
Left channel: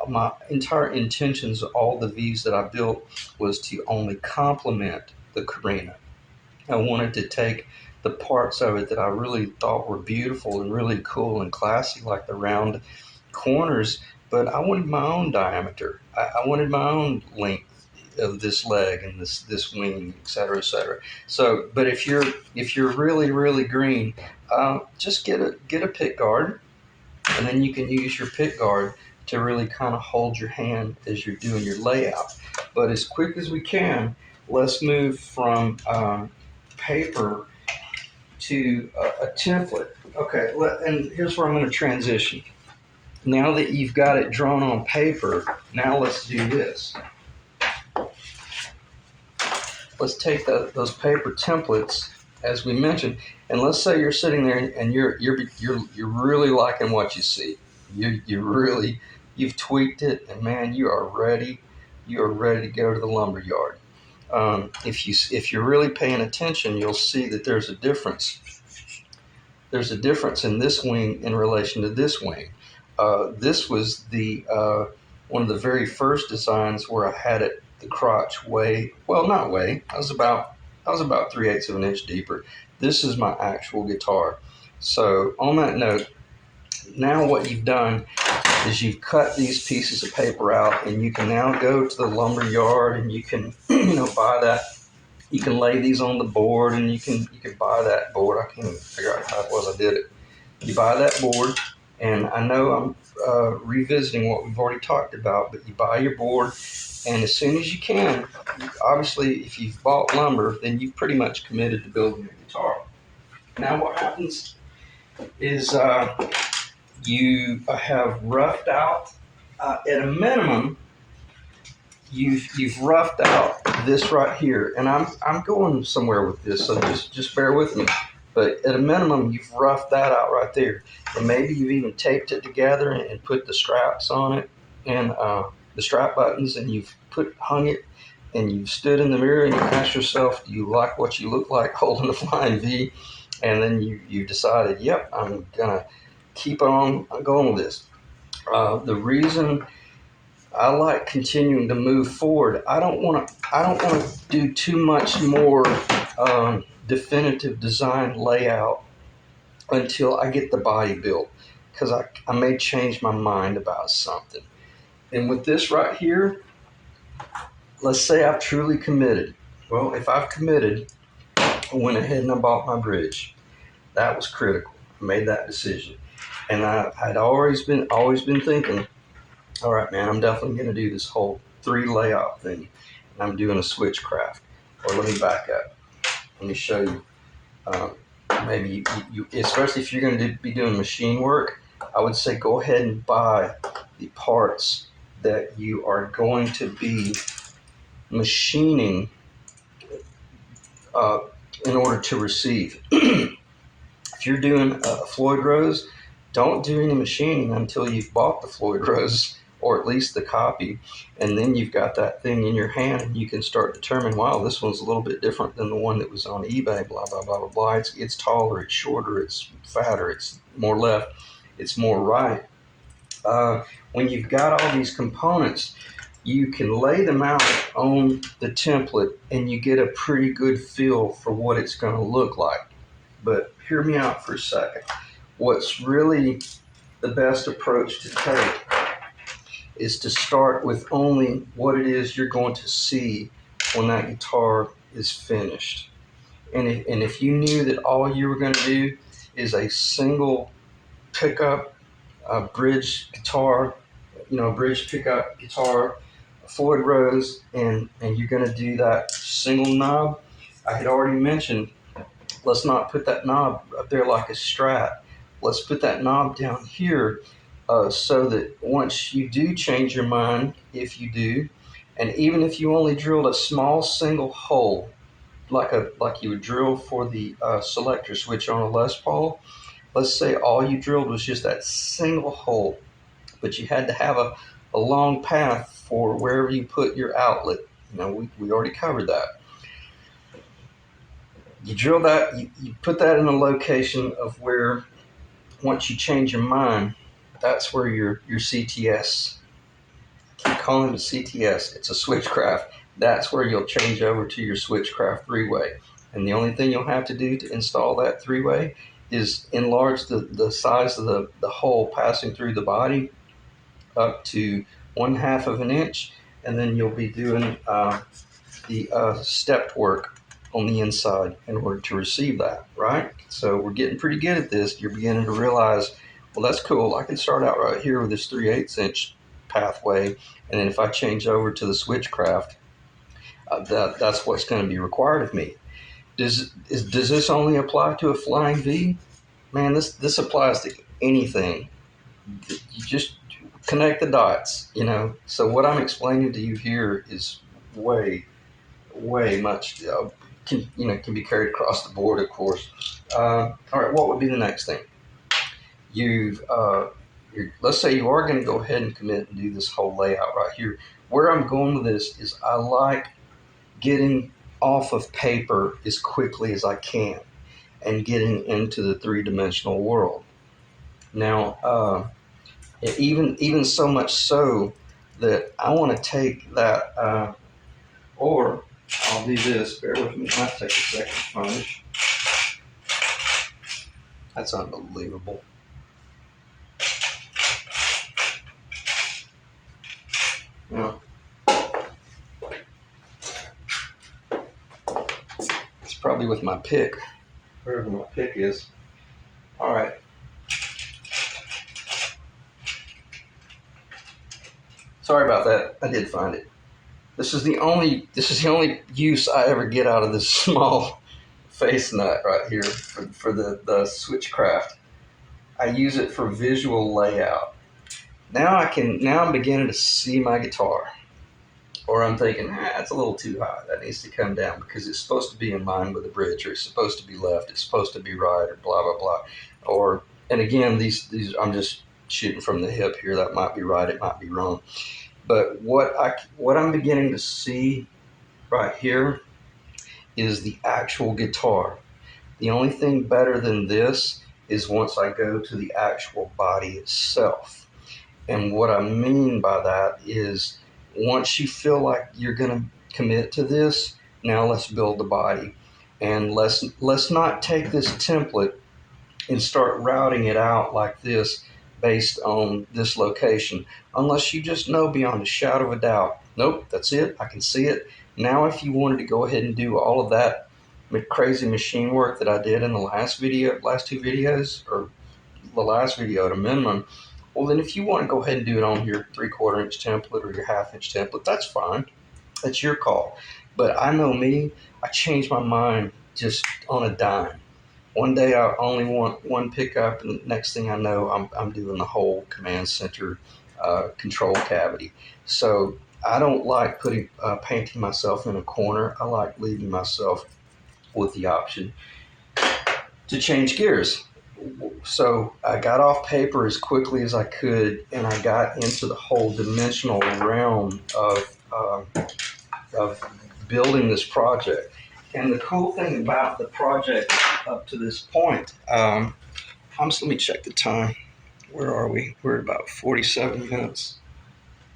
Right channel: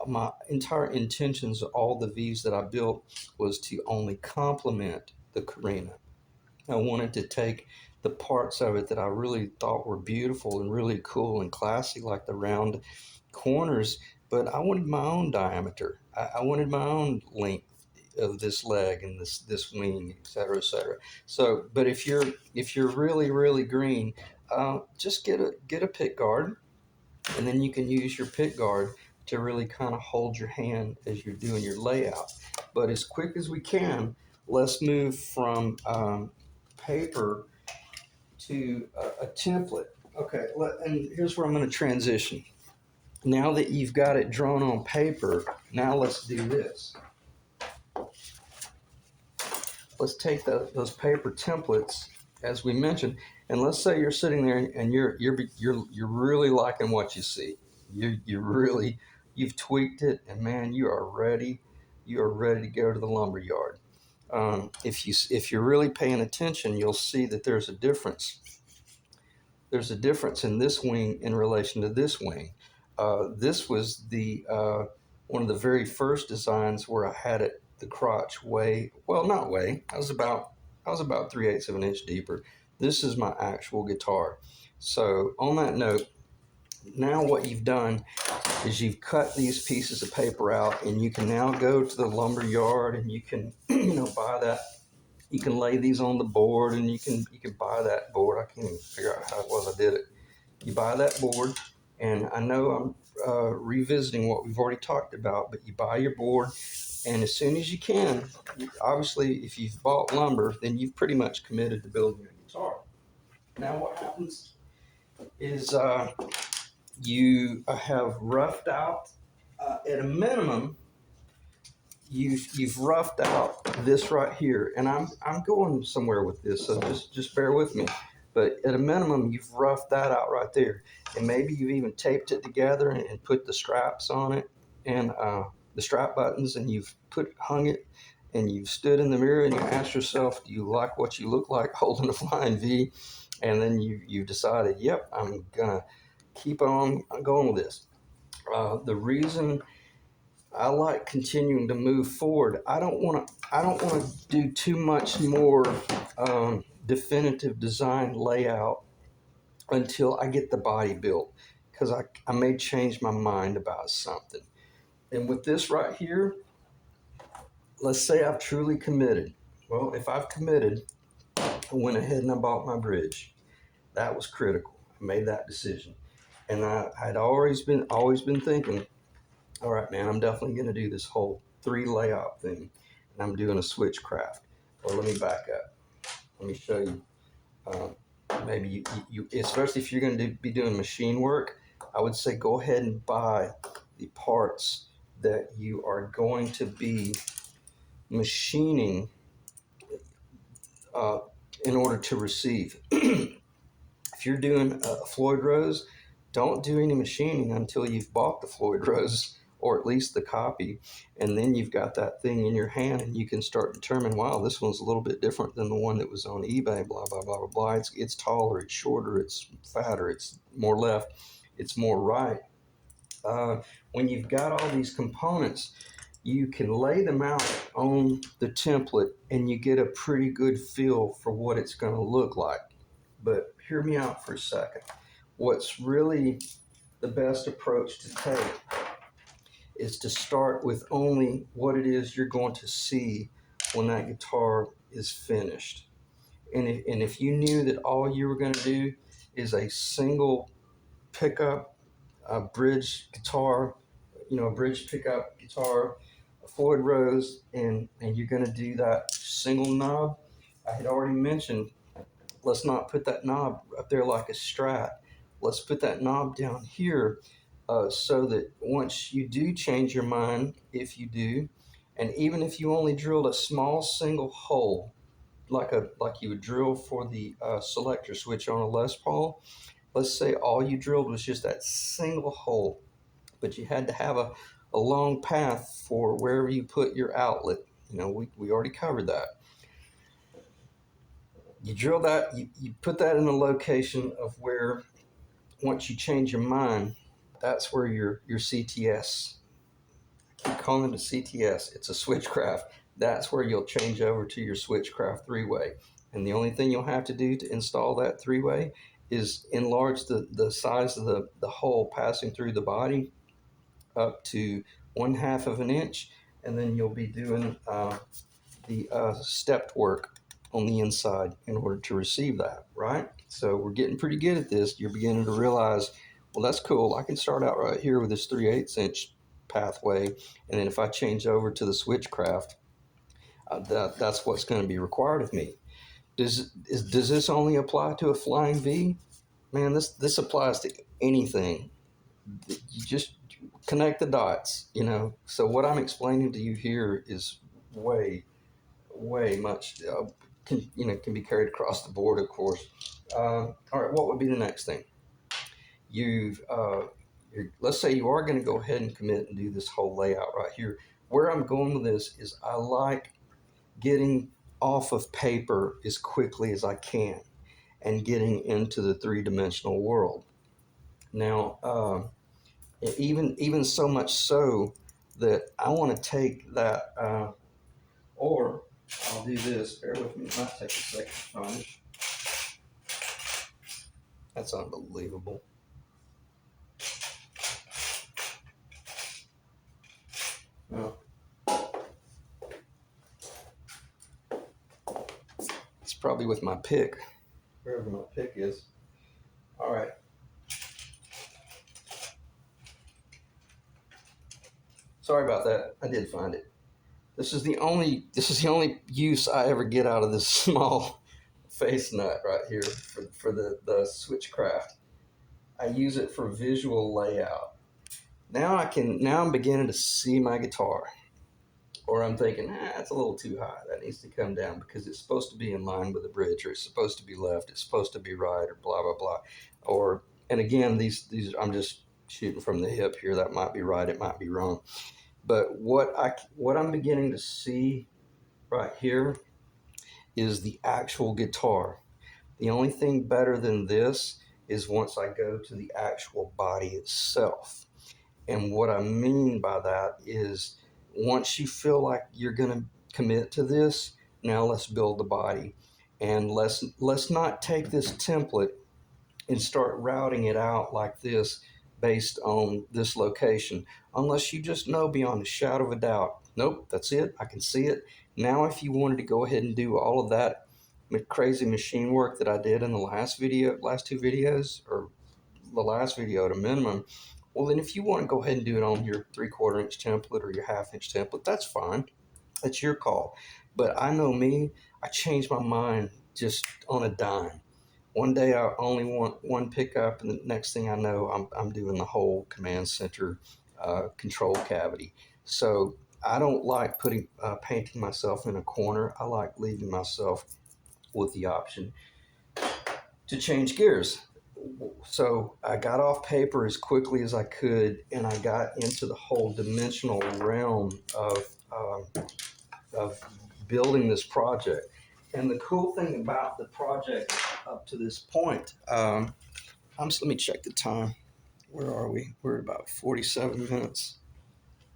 My entire intentions of all the Vs that I built was to only complement the Carina. I wanted to take the parts of it that I really thought were beautiful and really cool and classy, like the round corners, but I wanted my own diameter. I wanted my own length of this leg and this wing, et cetera, et cetera. So, but if you're really green, just get a pick guard, and then you can use your pick guard to really kind of hold your hand as you're doing your layout. But as quick as we can, let's move from paper to a template. Okay, and here's where I'm going to transition. Now that you've got it drawn on paper, now let's do this. Let's take those paper templates, as we mentioned, and let's say you're sitting there and you're really liking what you see. You've tweaked it, and man, you are ready. You are ready to go to the lumber yard. If you're really paying attention, you'll see that there's a difference there's a difference in this wing in relation to this wing. This was the one of the very first designs where I had it the crotch way, well, not way. I was about 3/8 of an inch deeper. This is my actual guitar. So on that note, now what you've done is you've cut these pieces of paper out, and you can now go to the lumber yard and you can buy that. You can lay these on the board, and you can buy that board. I can't even figure out how it was I did it. You buy that board, and I know I'm revisiting what we've already talked about, but you buy your board, and as soon as you can, obviously, if you've bought lumber, then you've pretty much committed to building a guitar. Now, what happens is you have roughed out, at a minimum, you've roughed out this right here, and I'm going somewhere with this, so just bear with me. But at a minimum, you've roughed that out right there, and maybe you've even taped it together and put the straps on it, and the strap buttons, and you've hung it, and you've stood in the mirror and you asked yourself, do you like what you look like holding a flying V? And then you decided, yep, I'm gonna keep on going with this. The reason I like continuing to move forward. I don't want to do too much more definitive design layout until I get the body built, because I may change my mind about something. And with this right here, let's say I've truly committed. Well, if I've committed, I went ahead and I bought my bridge. That was critical. I made that decision, and I'd always been thinking, all right, man, I'm definitely going to do this whole 3 layout thing. And I'm doing a switchcraft. Or let me back up. Let me show you. Um, Maybe you, especially if you're going to be doing machine work, I would say go ahead and buy the parts that you are going to be machining uh, in order to receive. If you're doing Floyd Rose, don't do any machining until you've bought the Floyd Rose, or at least the copy, and then you've got that thing in your hand, and you can start determining, wow, this one's a little bit different than the one that was on eBay, blah, blah, blah, blah, blah. It's taller, it's shorter, it's fatter, it's more left, it's more right. When you've got all these components, you can lay them out on the template, and you get a pretty good feel for what it's going to look like. But hear me out for a second. What's really the best approach to take is to start with only what it is you're going to see when that guitar is finished. And if you knew that all you were going to do is a single pickup, a bridge guitar, bridge pickup guitar, a Floyd Rose, and you're going to do that single knob, I had already mentioned, let's not put that knob up there like a Strat. Let's put that knob down here, so that once you do change your mind, if you do, and even if you only drilled a small single hole, like you would drill for the selector switch on a Les Paul, let's say all you drilled was just that single hole, but you had to have a long path for wherever you put your outlet. We already covered that. You drill that, you put that in a location of where, once you change your mind, that's where your CTS, I keep calling it CTS, it's a switchcraft. That's where you'll change over to your switchcraft 3-way. And the only thing you'll have to do to install that 3-way is enlarge the size of the hole passing through the body up to 1/2 of an inch, and then you'll be doing the stepped work on the inside in order to receive that, right? So we're getting pretty good at this. You're beginning to realize, well, that's cool. I can start out right here with this 3/8 inch pathway, and then if I change over to the switchcraft, that's what's going to be required of me. Does this only apply to a flying V? Man, this applies to anything. You just connect the dots, So what I'm explaining to you here is way much, can be carried across the board, of course. All right, what would be the next thing? Let's say you are going to go ahead and commit and do this whole layout right here. Where I'm going with this is I like getting off of paper as quickly as I can. and getting into the three-dimensional world. Now, even so much so that I want to take that, or I'll do this. Bear with me. It might take a second to finish. That's unbelievable. Now, it's probably with my pick, wherever my pick is. All right. Sorry about that. I did find it. This is the only use I ever get out of this small face nut right here for the Switchcraft. I use it for visual layout. Now I'm beginning to see my guitar. Or I'm thinking, that's a little too high. That needs to come down because it's supposed to be in line with the bridge, or it's supposed to be left, it's supposed to be right, or blah blah blah. Or and again, these I'm just shooting from the hip here. That might be right, it might be wrong. But what I'm beginning to see right here is the actual guitar. The only thing better than this is once I go to the actual body itself. And what I mean by that is once you feel like you're going to commit to this, now let's build the body. And let's not take this template and start routing it out like this based on this location, unless you just know beyond a shadow of a doubt, nope, that's it, I can see it. Now if you wanted to go ahead and do all of that crazy machine work that I did in the last two videos, or the last video at a minimum, well then if you want to go ahead and do it on your 3/4 inch template or your 1/2 inch template, that's fine, that's your call. But I know me, I change my mind just on a dime. One day I only want one pickup, and next thing I know, I'm doing the whole command center control cavity. So I don't like painting myself in a corner. I like leaving myself with the option to change gears. So I got off paper as quickly as I could, and I got into the whole dimensional realm of building this project. And the cool thing about the project up to this point, let me check the time. Where are we? We're at about 47 minutes.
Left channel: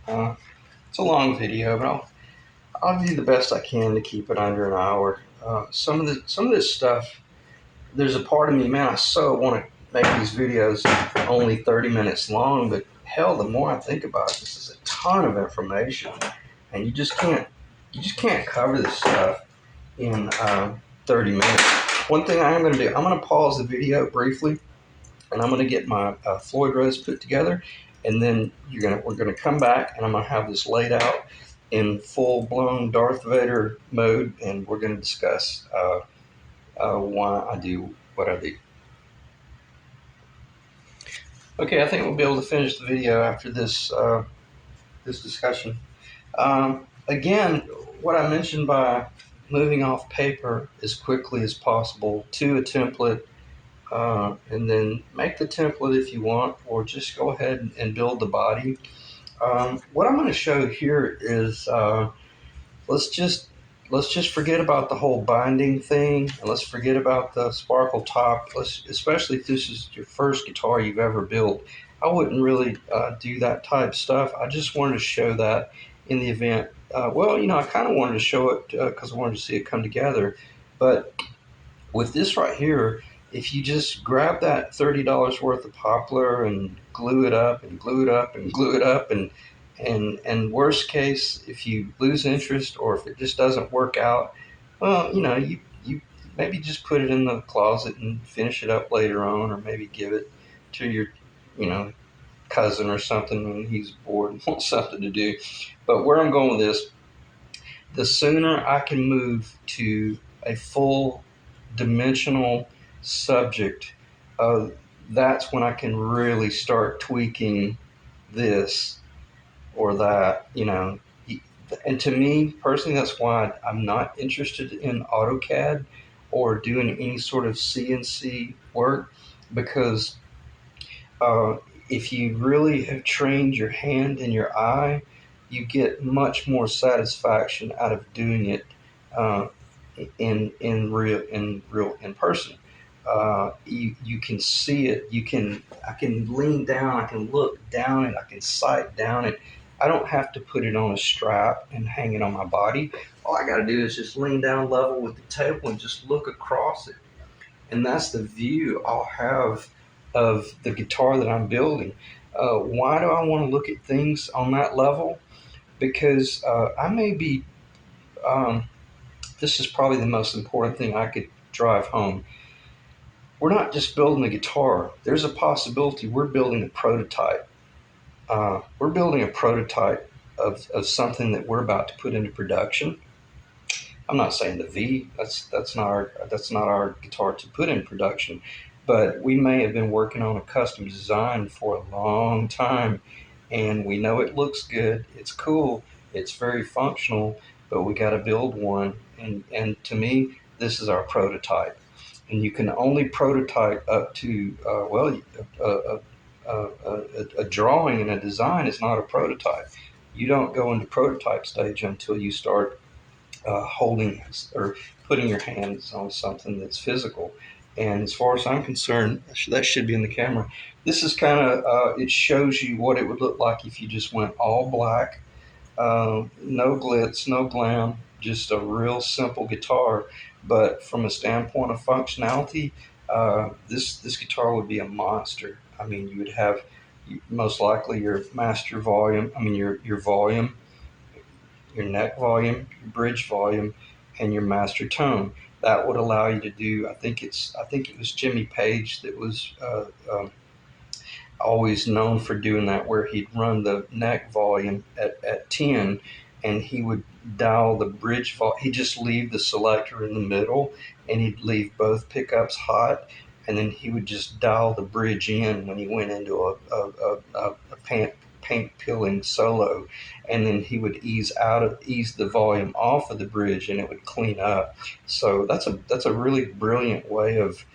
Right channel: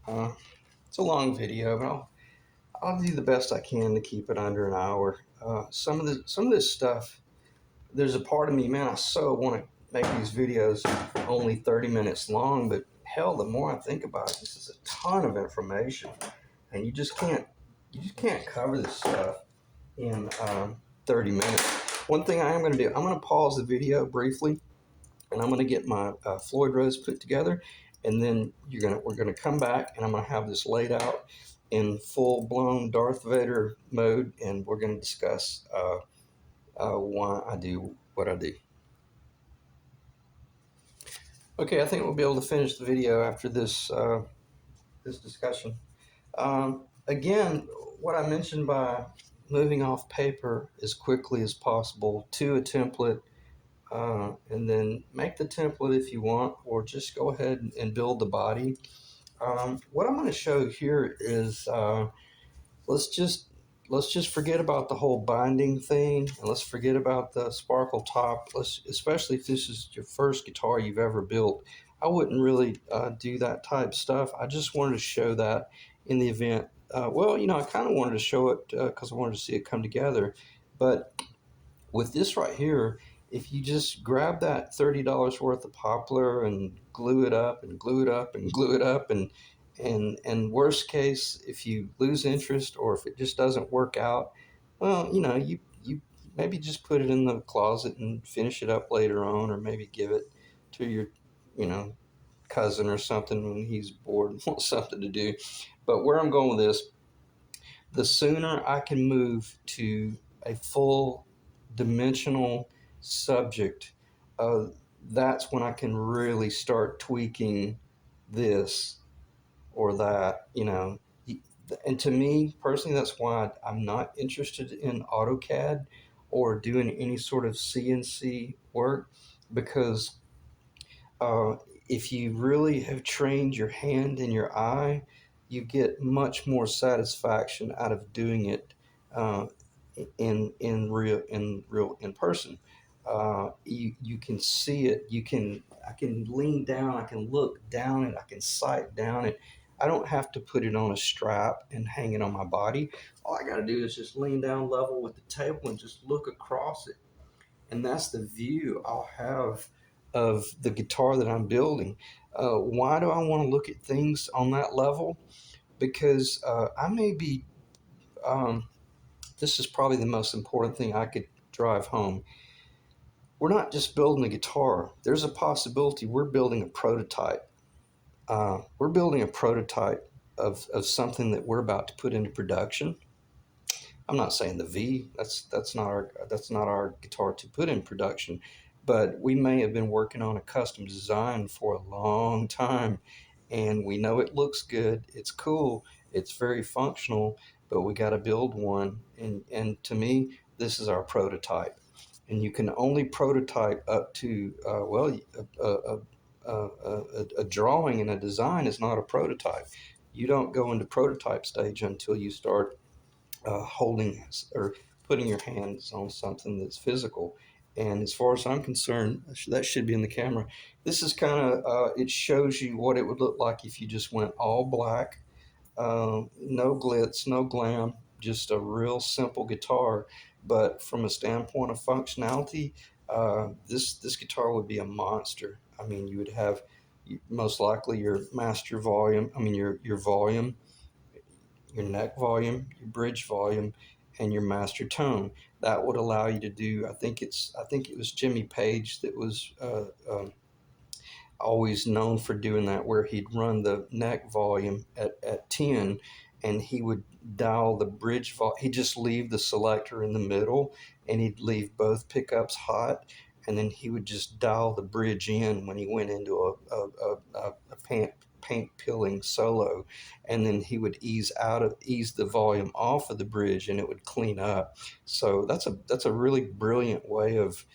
It's a long video, but I'll do the best I can to keep it under an hour. Some of this stuff, there's a part of me, man, I so want to make these videos only 30 minutes long, but hell, the more I think about it, this is a ton of information, and you just can't cover this stuff in 30 minutes. One thing I am going to do, I'm going to pause the video briefly, and I'm going to get my Floyd Rose put together, and then we're going to come back, and I'm going to have this laid out in full-blown Darth Vader mode, and we're going to discuss why I do what I do. Okay, I think we'll be able to finish the video after this this discussion. Again, what I mentioned by moving off paper as quickly as possible to a template, and then make the template if you want, or just go ahead and build the body. What I'm going to show here is let's just forget about the whole binding thing, and let's forget about the sparkle top. Especially if this is your first guitar you've ever built, I wouldn't really do that type stuff. I just wanted to show that in the event. Well, I kind of wanted to show it because I wanted to see it come together. But with this right here, if you just grab that $30 worth of poplar and glue it up and glue it up and glue it up, and worst case, if you lose interest or if it just doesn't work out, well, you maybe just put it in the closet and finish it up later on, or maybe give it to your cousin or something when he's bored and wants something to do. But where I'm going with this, the sooner I can move to a full dimensional subject, that's when I can really start tweaking this or that, And to me personally, that's why I'm not interested in AutoCAD or doing any sort of CNC work, because if you really have trained your hand and your eye, you get much more satisfaction out of doing it in person. You can see it. I can lean down. I can look down it. I can sight down it. I don't have to put it on a strap and hang it on my body. All I got to do is just lean down level with the table and just look across it. And that's the view I'll have of the guitar that I'm building. Why do I want to look at things on that level? Because I may be, um, this is probably the most important thing I could drive home. We're not just building a guitar, there's a possibility we're building a prototype. We're building a prototype of something that we're about to put into production. I'm not saying the V. That's not our guitar to put in production, but we may have been working on a custom design for a long time, and we know it looks good. It's cool. It's very functional, but we got to build one. And to me, this is our prototype. And you can only prototype up to a drawing and a design is not a prototype. You don't go into prototype stage until you start holding or putting your hands on something that's physical. And as far as I'm concerned, that should be in the camera. This is kind of, it shows you what it would look like if you just went all black, no glitz, no glam, just a real simple guitar. But from a standpoint of functionality, this guitar would be a monster. I mean, you would have most likely your master volume, your volume, your neck volume, your bridge volume, and your master tone. That would allow you to do. I think it was Jimmy Page that was always known for doing that, where he'd run the neck volume at 10, and he would dial the bridge volume. He'd just leave the selector in the middle, and he'd leave both pickups hot, and then he would just dial the bridge in when he went into a paint peeling solo, and then he would ease the volume off of the bridge, and it would clean up. So that's a really brilliant way of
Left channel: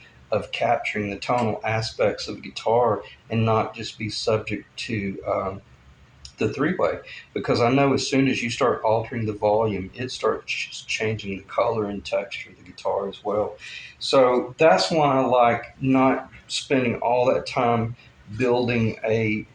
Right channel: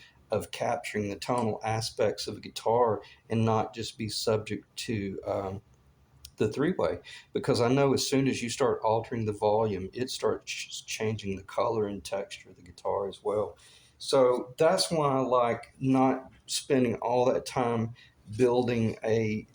capturing the tonal aspects of a guitar and not just be subject to the three-way, because I know as soon as you start altering the volume, it starts changing the color and texture of the guitar as well. So that's why I like not spending all that time building a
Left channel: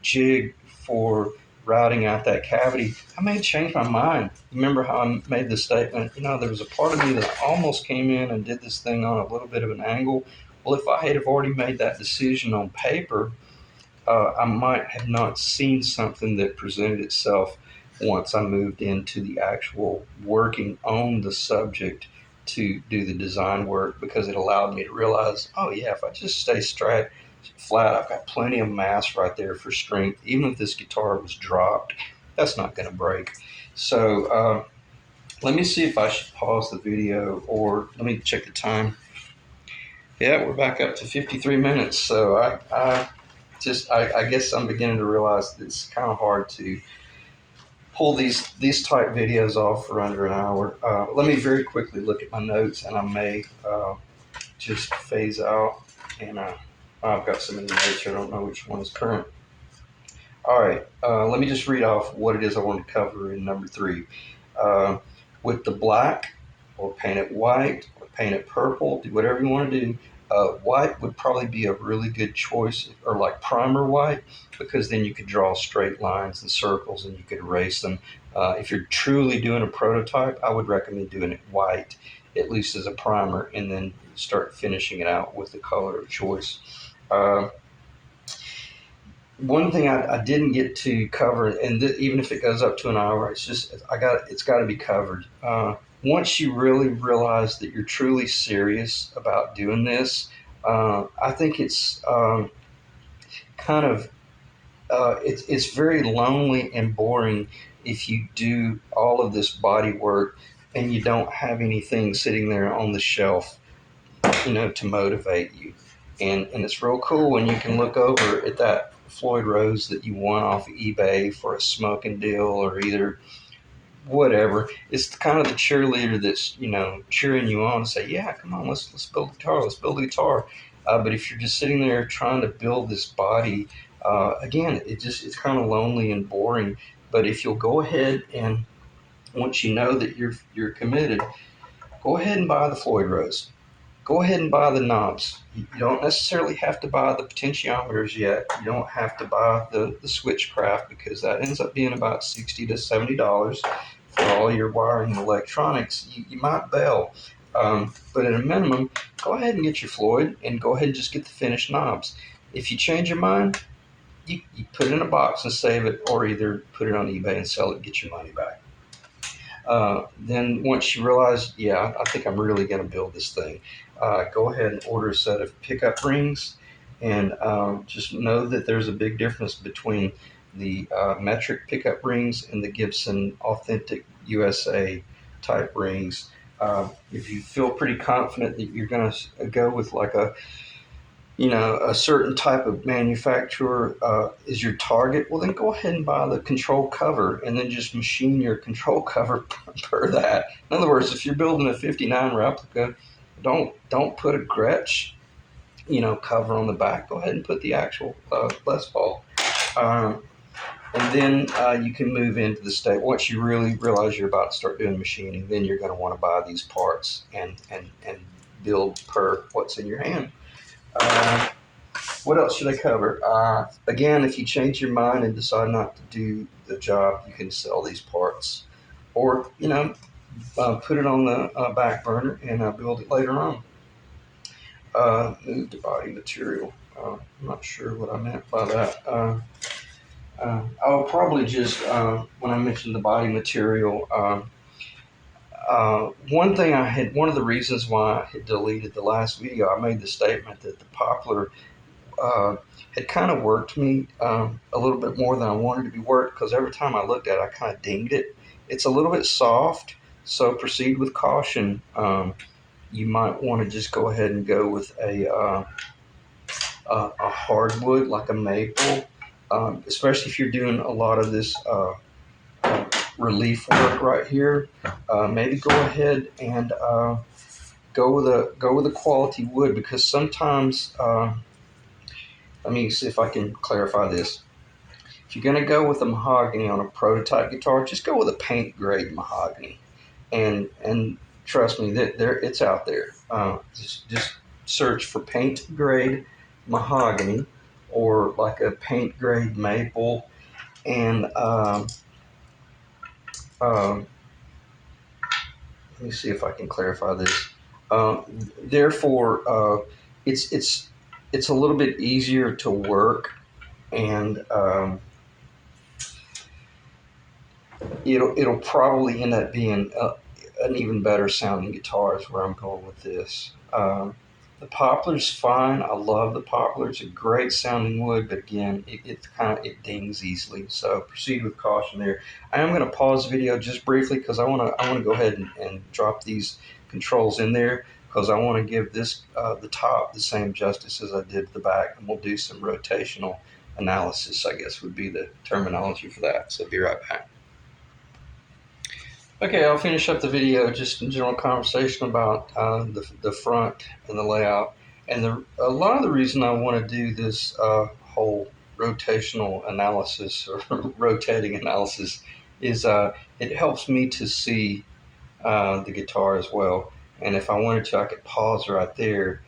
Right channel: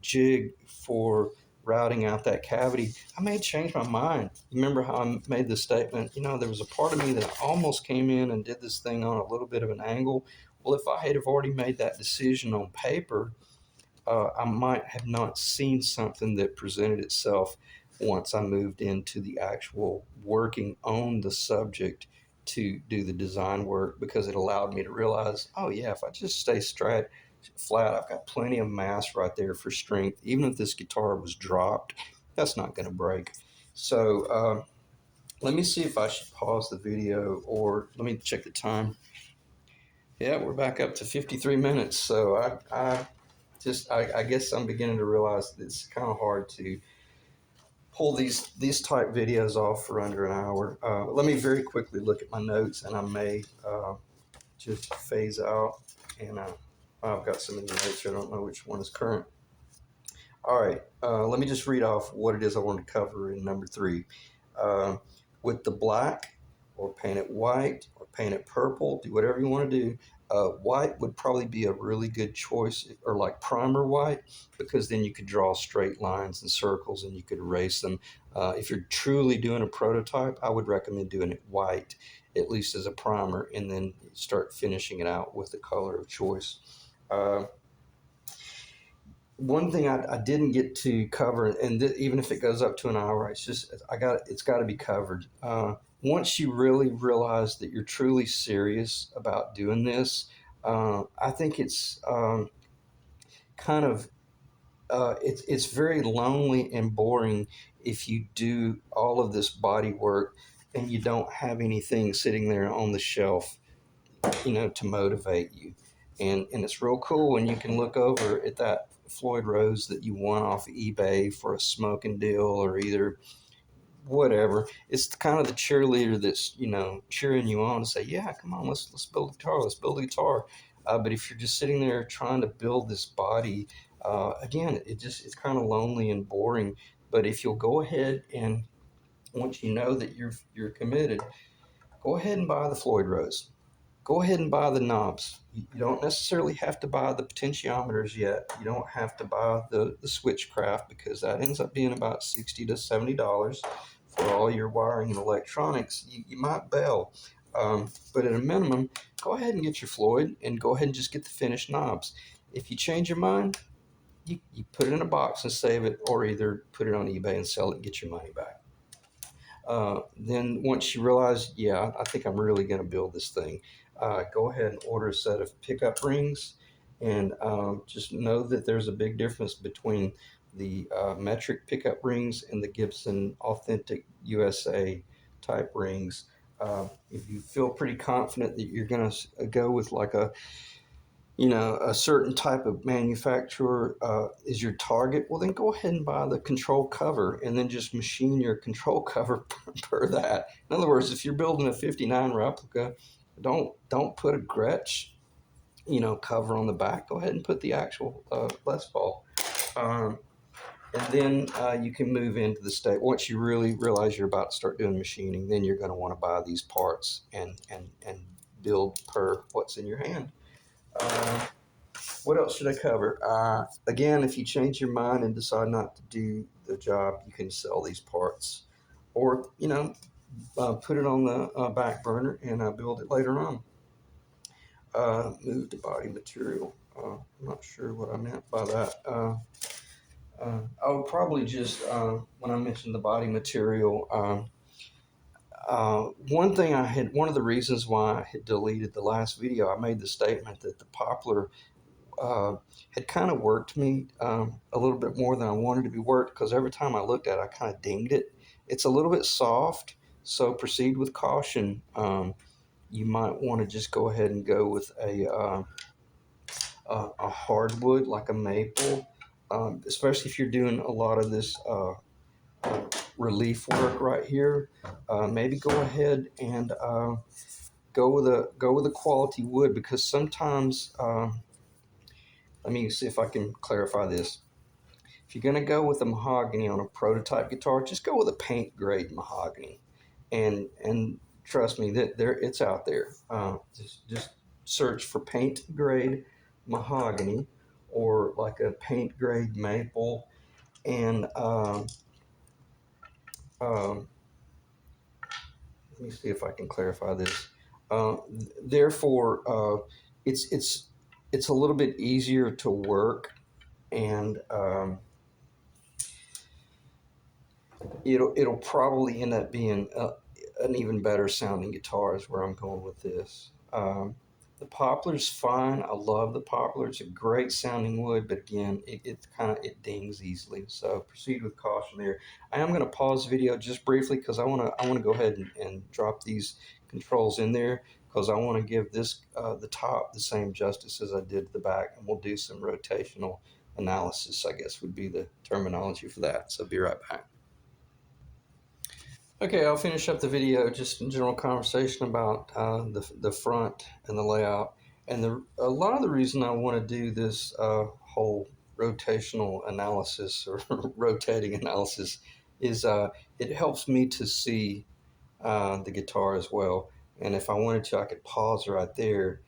jig for routing out that cavity. I may change my mind. Remember how I made the statement, there was a part of me that almost came in and did this thing on a little bit of an angle. Well, if I had have already made that decision on paper, I might have not seen something that presented itself once I moved into the actual working on the subject to do the design work, because it allowed me to realize, oh yeah, if I just stay straight flat, I've got plenty of mass right there for strength. Even if this guitar was dropped, that's not going to break. So let me see if I should pause the video, or let me check the time. Yeah, we're back up to 53 minutes. So I guess I'm beginning to realize that it's kind of hard to pull these type videos off for under an hour. Let me very quickly look at my notes, and I may just phase out. And I've got some in the notes here. I don't know which one is current. All right, let me just read off what it is I want to cover in number 3. With the black, or paint it white, or paint it purple, do whatever you want to do. White would probably be a really good choice, or like primer white, because then you could draw straight lines and circles and you could erase them. If you're truly doing a prototype, I would recommend doing it white, at least as a primer, and then start finishing it out with the color of choice. One thing I didn't get to cover, and even if it goes up to an hour, it's got to be covered. Once you really realize that you're truly serious about doing this, I think it's kind of it's very lonely and boring if you do all of this body work and you don't have anything sitting there on the shelf, to motivate you. And it's real cool when you can look over at that Floyd Rose that you won off of eBay for a smoking deal, or either whatever. It's kind of the cheerleader that's cheering you on and say, yeah, come on, let's build a guitar, let's build a guitar. But if you're just sitting there trying to build this body, again, it's kind of lonely and boring. But if you'll go ahead, and once you know that you're committed, go ahead and buy the Floyd Rose. go ahead and buy the knobs. You don't necessarily have to buy the potentiometers yet. You don't have to buy the switchcraft, because that ends up being about $60 to $70 for all your wiring and electronics. You might bail. But at a minimum, go ahead and get your Floyd and go ahead and just get the finished knobs. If you change your mind, you put it in a box and save it, or either put it on eBay and sell it and get your money back. Then once you realize, yeah, I think I'm really going to build this thing, go ahead and order a set of pickup rings, and just know that there's a big difference between the metric pickup rings and the Gibson Authentic USA type rings. If you feel pretty confident that you're going to go with like a certain type of manufacturer is your target, well, then go ahead and buy the control cover and then just machine your control cover per that. In other words, if you're building a 59 replica, don't put a Gretsch, cover on the back. Go ahead and put the actual Les Paul. And then you can move into the state. Once you really realize you're about to start doing machining, then you're going to want to buy these parts and build per what's in your hand. What else should I cover? Again, if you change your mind and decide not to do the job, you can sell these parts, or put it on the back burner and build it later on. Move to body material. I'm not sure what I meant by that. I'll probably just when I mentioned the body material. One of the reasons why I had deleted the last video, I made the statement that the poplar had kind of worked me a little bit more than I wanted to be worked, because every time I looked at it, I kind of dinged it. It's a little bit soft, so proceed with caution. You might want to just go ahead and go with a hardwood like a maple, especially if you're doing a lot of this relief work right here. Maybe go ahead and go with a quality wood, because sometimes. Let me see if I can clarify this. If you're going to go with a mahogany on a prototype guitar, just go with a paint grade mahogany, and trust me, that it's out there. Just search for paint grade mahogany, or like a paint grade maple, and let me see if I can clarify this. Therefore, it's a little bit easier to work, and it'll probably end up being an even better sounding guitar is where I'm going with this. The poplar's fine. I love the poplar. It's a great sounding wood, but again, it dings easily. So proceed with caution there. I am going to pause the video just briefly, because I want to go ahead and drop these controls in there, because I want to give this the top the same justice as I did the back, and we'll do some rotational analysis, I guess would be the terminology for that. So be right back. Okay, I'll finish up the video just in general conversation about the front and the layout. And a lot of the reason I want to do this whole rotational analysis, or rotating analysis, is it helps me to see the guitar as well. And if I wanted to, I could pause right there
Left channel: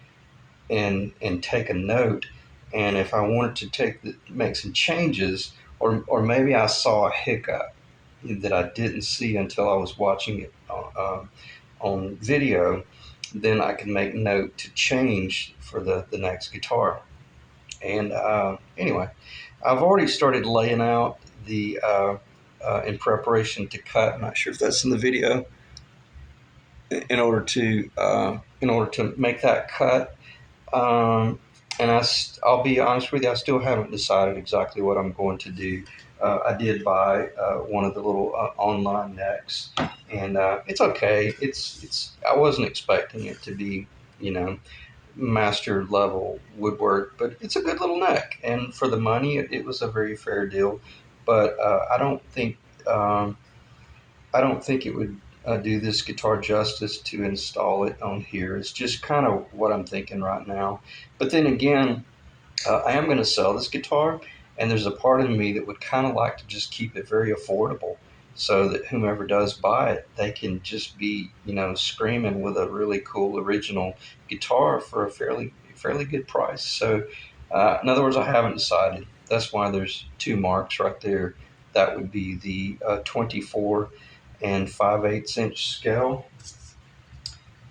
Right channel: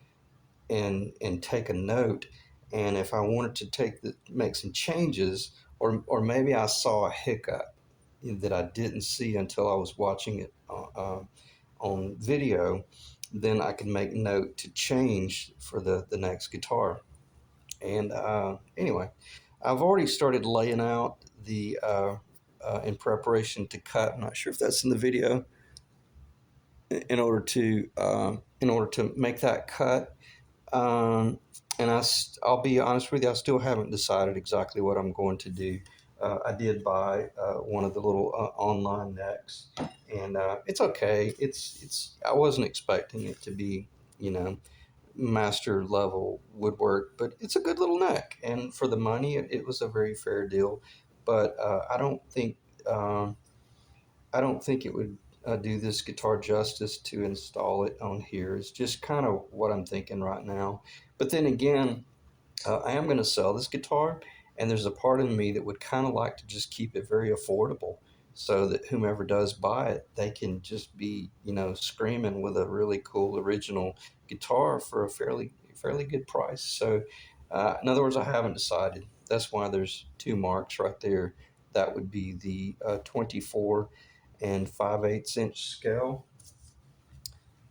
and take a note. And if I wanted to make some changes, or maybe I saw a hiccup that I didn't see until I was watching it on video, then I can make note to change for the next guitar. And anyway, I've already started laying out the in preparation to cut. I'm not sure if that's in the video. In order to make that cut, and I'll be honest with you, I still haven't decided exactly what I'm going to do. I did buy one of the little online necks, and it's okay. I wasn't expecting it to be, master level woodwork, but it's a good little neck, and for the money, it was a very fair deal. But I don't think it would do this guitar justice to install it on here. It's just kind of what I'm thinking right now. But then again, I am going to sell this guitar, and there's a part of me that would kind of like to just keep it very affordable. so that whomever does buy it, they can just be, screaming with a really cool original guitar for a fairly good price. So, in other words, I haven't decided. That's why there's two marks right there. That would be the 24 and 5/8 inch scale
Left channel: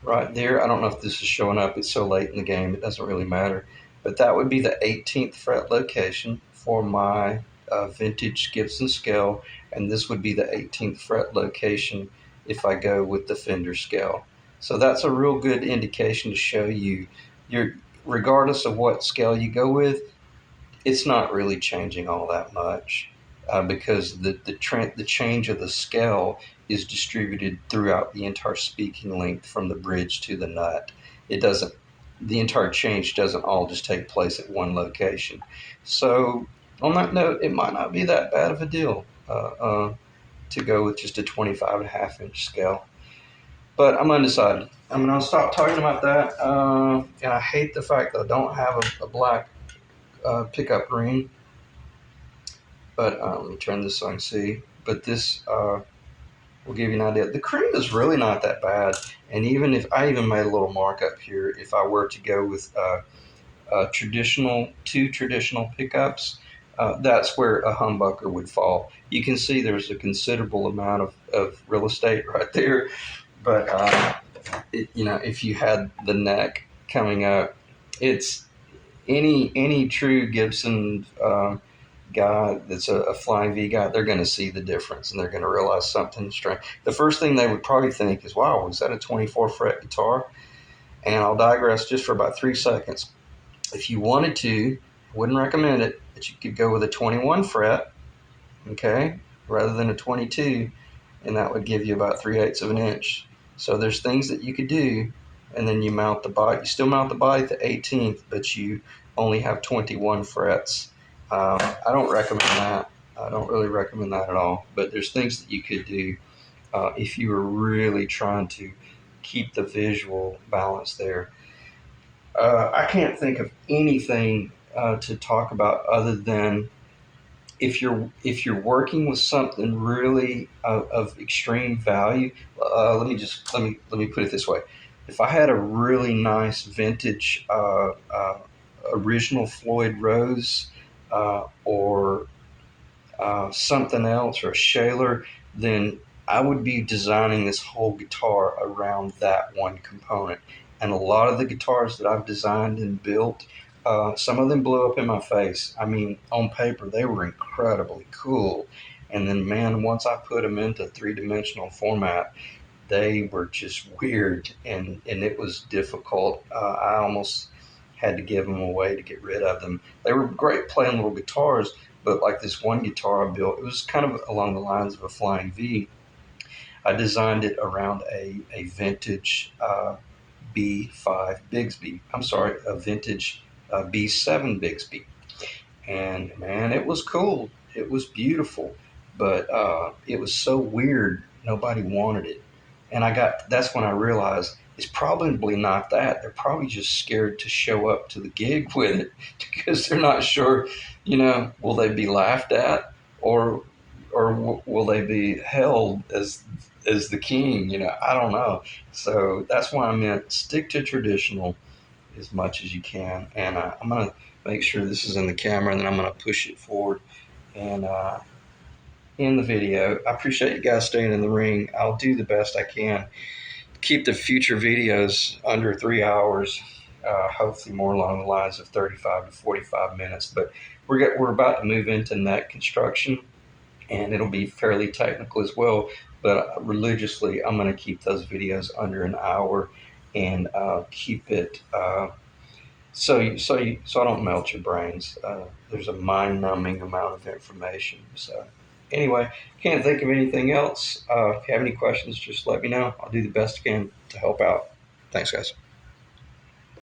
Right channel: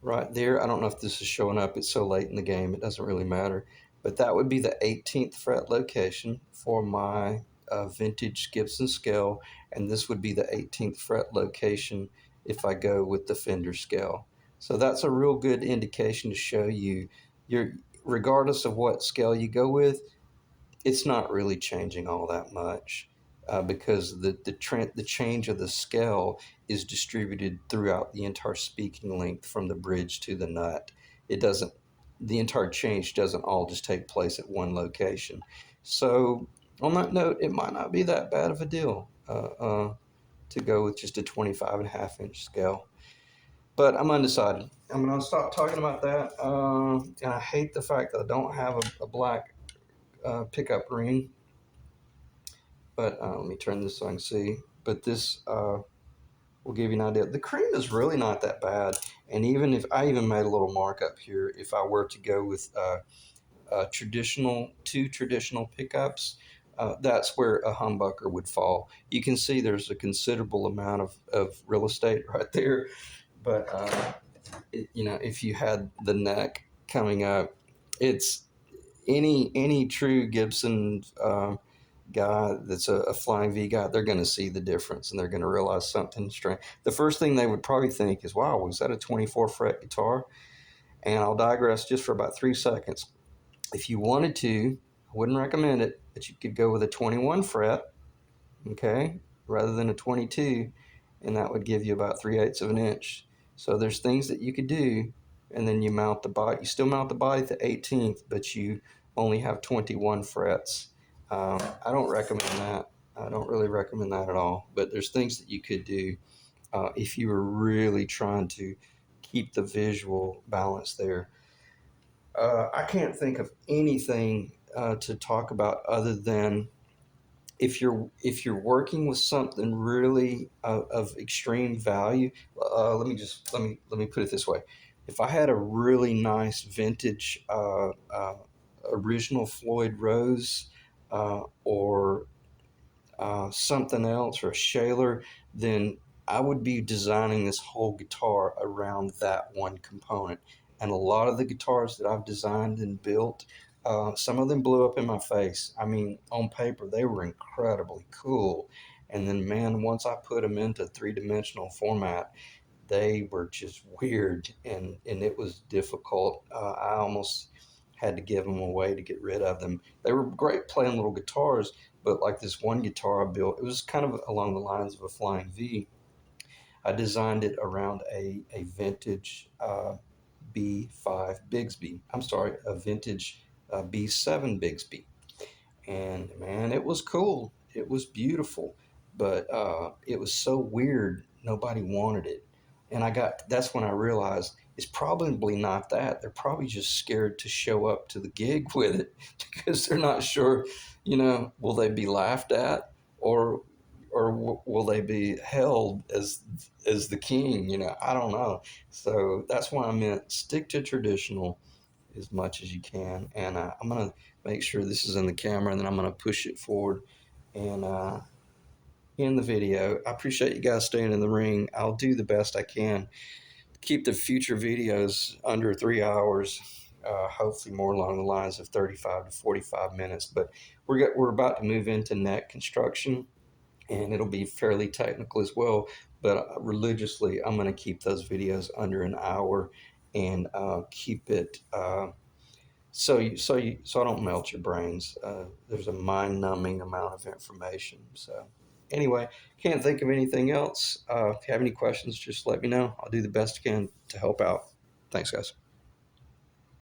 right there. I don't know if this is showing up. It's so late in the game, it doesn't really matter. But that would be the 18th fret location for my vintage Gibson scale, and this would be the 18th fret location if I go with the Fender scale. So that's a real good indication to show you, regardless of what scale you go with, it's not really changing all that much, because the change of the scale is distributed throughout the entire speaking length from the bridge to the nut. It doesn't The entire change doesn't all just take place at one location. So on that note, it might not be that bad of a deal to go with just a 25.5 inch scale. But I'm undecided. I'm going to stop talking about that. And I hate the fact that I don't have a black pickup ring. But let me turn this so I can see. But this will give you an idea. The cream is really not that bad. And even if I even made a little mark up here, if I were to go with two traditional pickups, that's where a humbucker would fall. You can see there's a considerable amount of real estate right there. But if you had the neck coming up, it's any true Gibson guy that's a flying V guy, they're going to see the difference and they're going to realize something strange. The first thing they would probably think is, wow, was that a 24 fret guitar? And I'll digress just for about 3 seconds. If you wanted to, I wouldn't recommend it, but you could go with a 21 fret, okay, rather than a 22, and that would give you about 3/8 of an inch. So there's things that you could do, and then you mount the body. You still mount the body at the 18th, but you only have 21 frets. I don't recommend that. I don't really recommend that at all. But there's things that you could do if you were really trying to keep the visual balance there. I can't think of anything to talk about other than if you're working with something really of extreme value. Let me put it this way: if I had a really nice vintage original Floyd Rose or something else, or a Shaler, then I would be designing this whole guitar around that one component. And a lot of the guitars that I've designed and built, some of them blew up in my face. I mean, on paper, they were incredibly cool. And then, man, once I put them into three-dimensional format, they were just weird, and it was difficult. I almost had to give them away to get rid of them. They were great playing little guitars, but like this one guitar I built, it was kind of along the lines of a Flying V. I designed it around a vintage B5 Bigsby. I'm sorry, a vintage B7 Bigsby. And man, it was cool. It was beautiful, but it was so weird. Nobody wanted it, and that's when I realized it's probably not that. They're probably just scared to show up to the gig with it because they're not sure. Will they be laughed at, or will they be held as the king? I don't know. So that's why I meant stick to traditional as much as you can. And I'm going to make sure this is in the camera, and then I'm going to push it forward and in the video. I appreciate you guys staying in the ring. I'll do the best I can. Keep the future videos under 3 hours, hopefully more along the lines of 35 to 45 minutes. But we're about to move into neck construction, and it'll be fairly technical as well. But religiously, I'm going to keep those videos under an hour and keep it so I don't melt your brains. There's a mind-numbing amount of information. So anyway, can't think of anything else. If you have any questions, just let me know. I'll do the best I can to help out. Thanks, guys.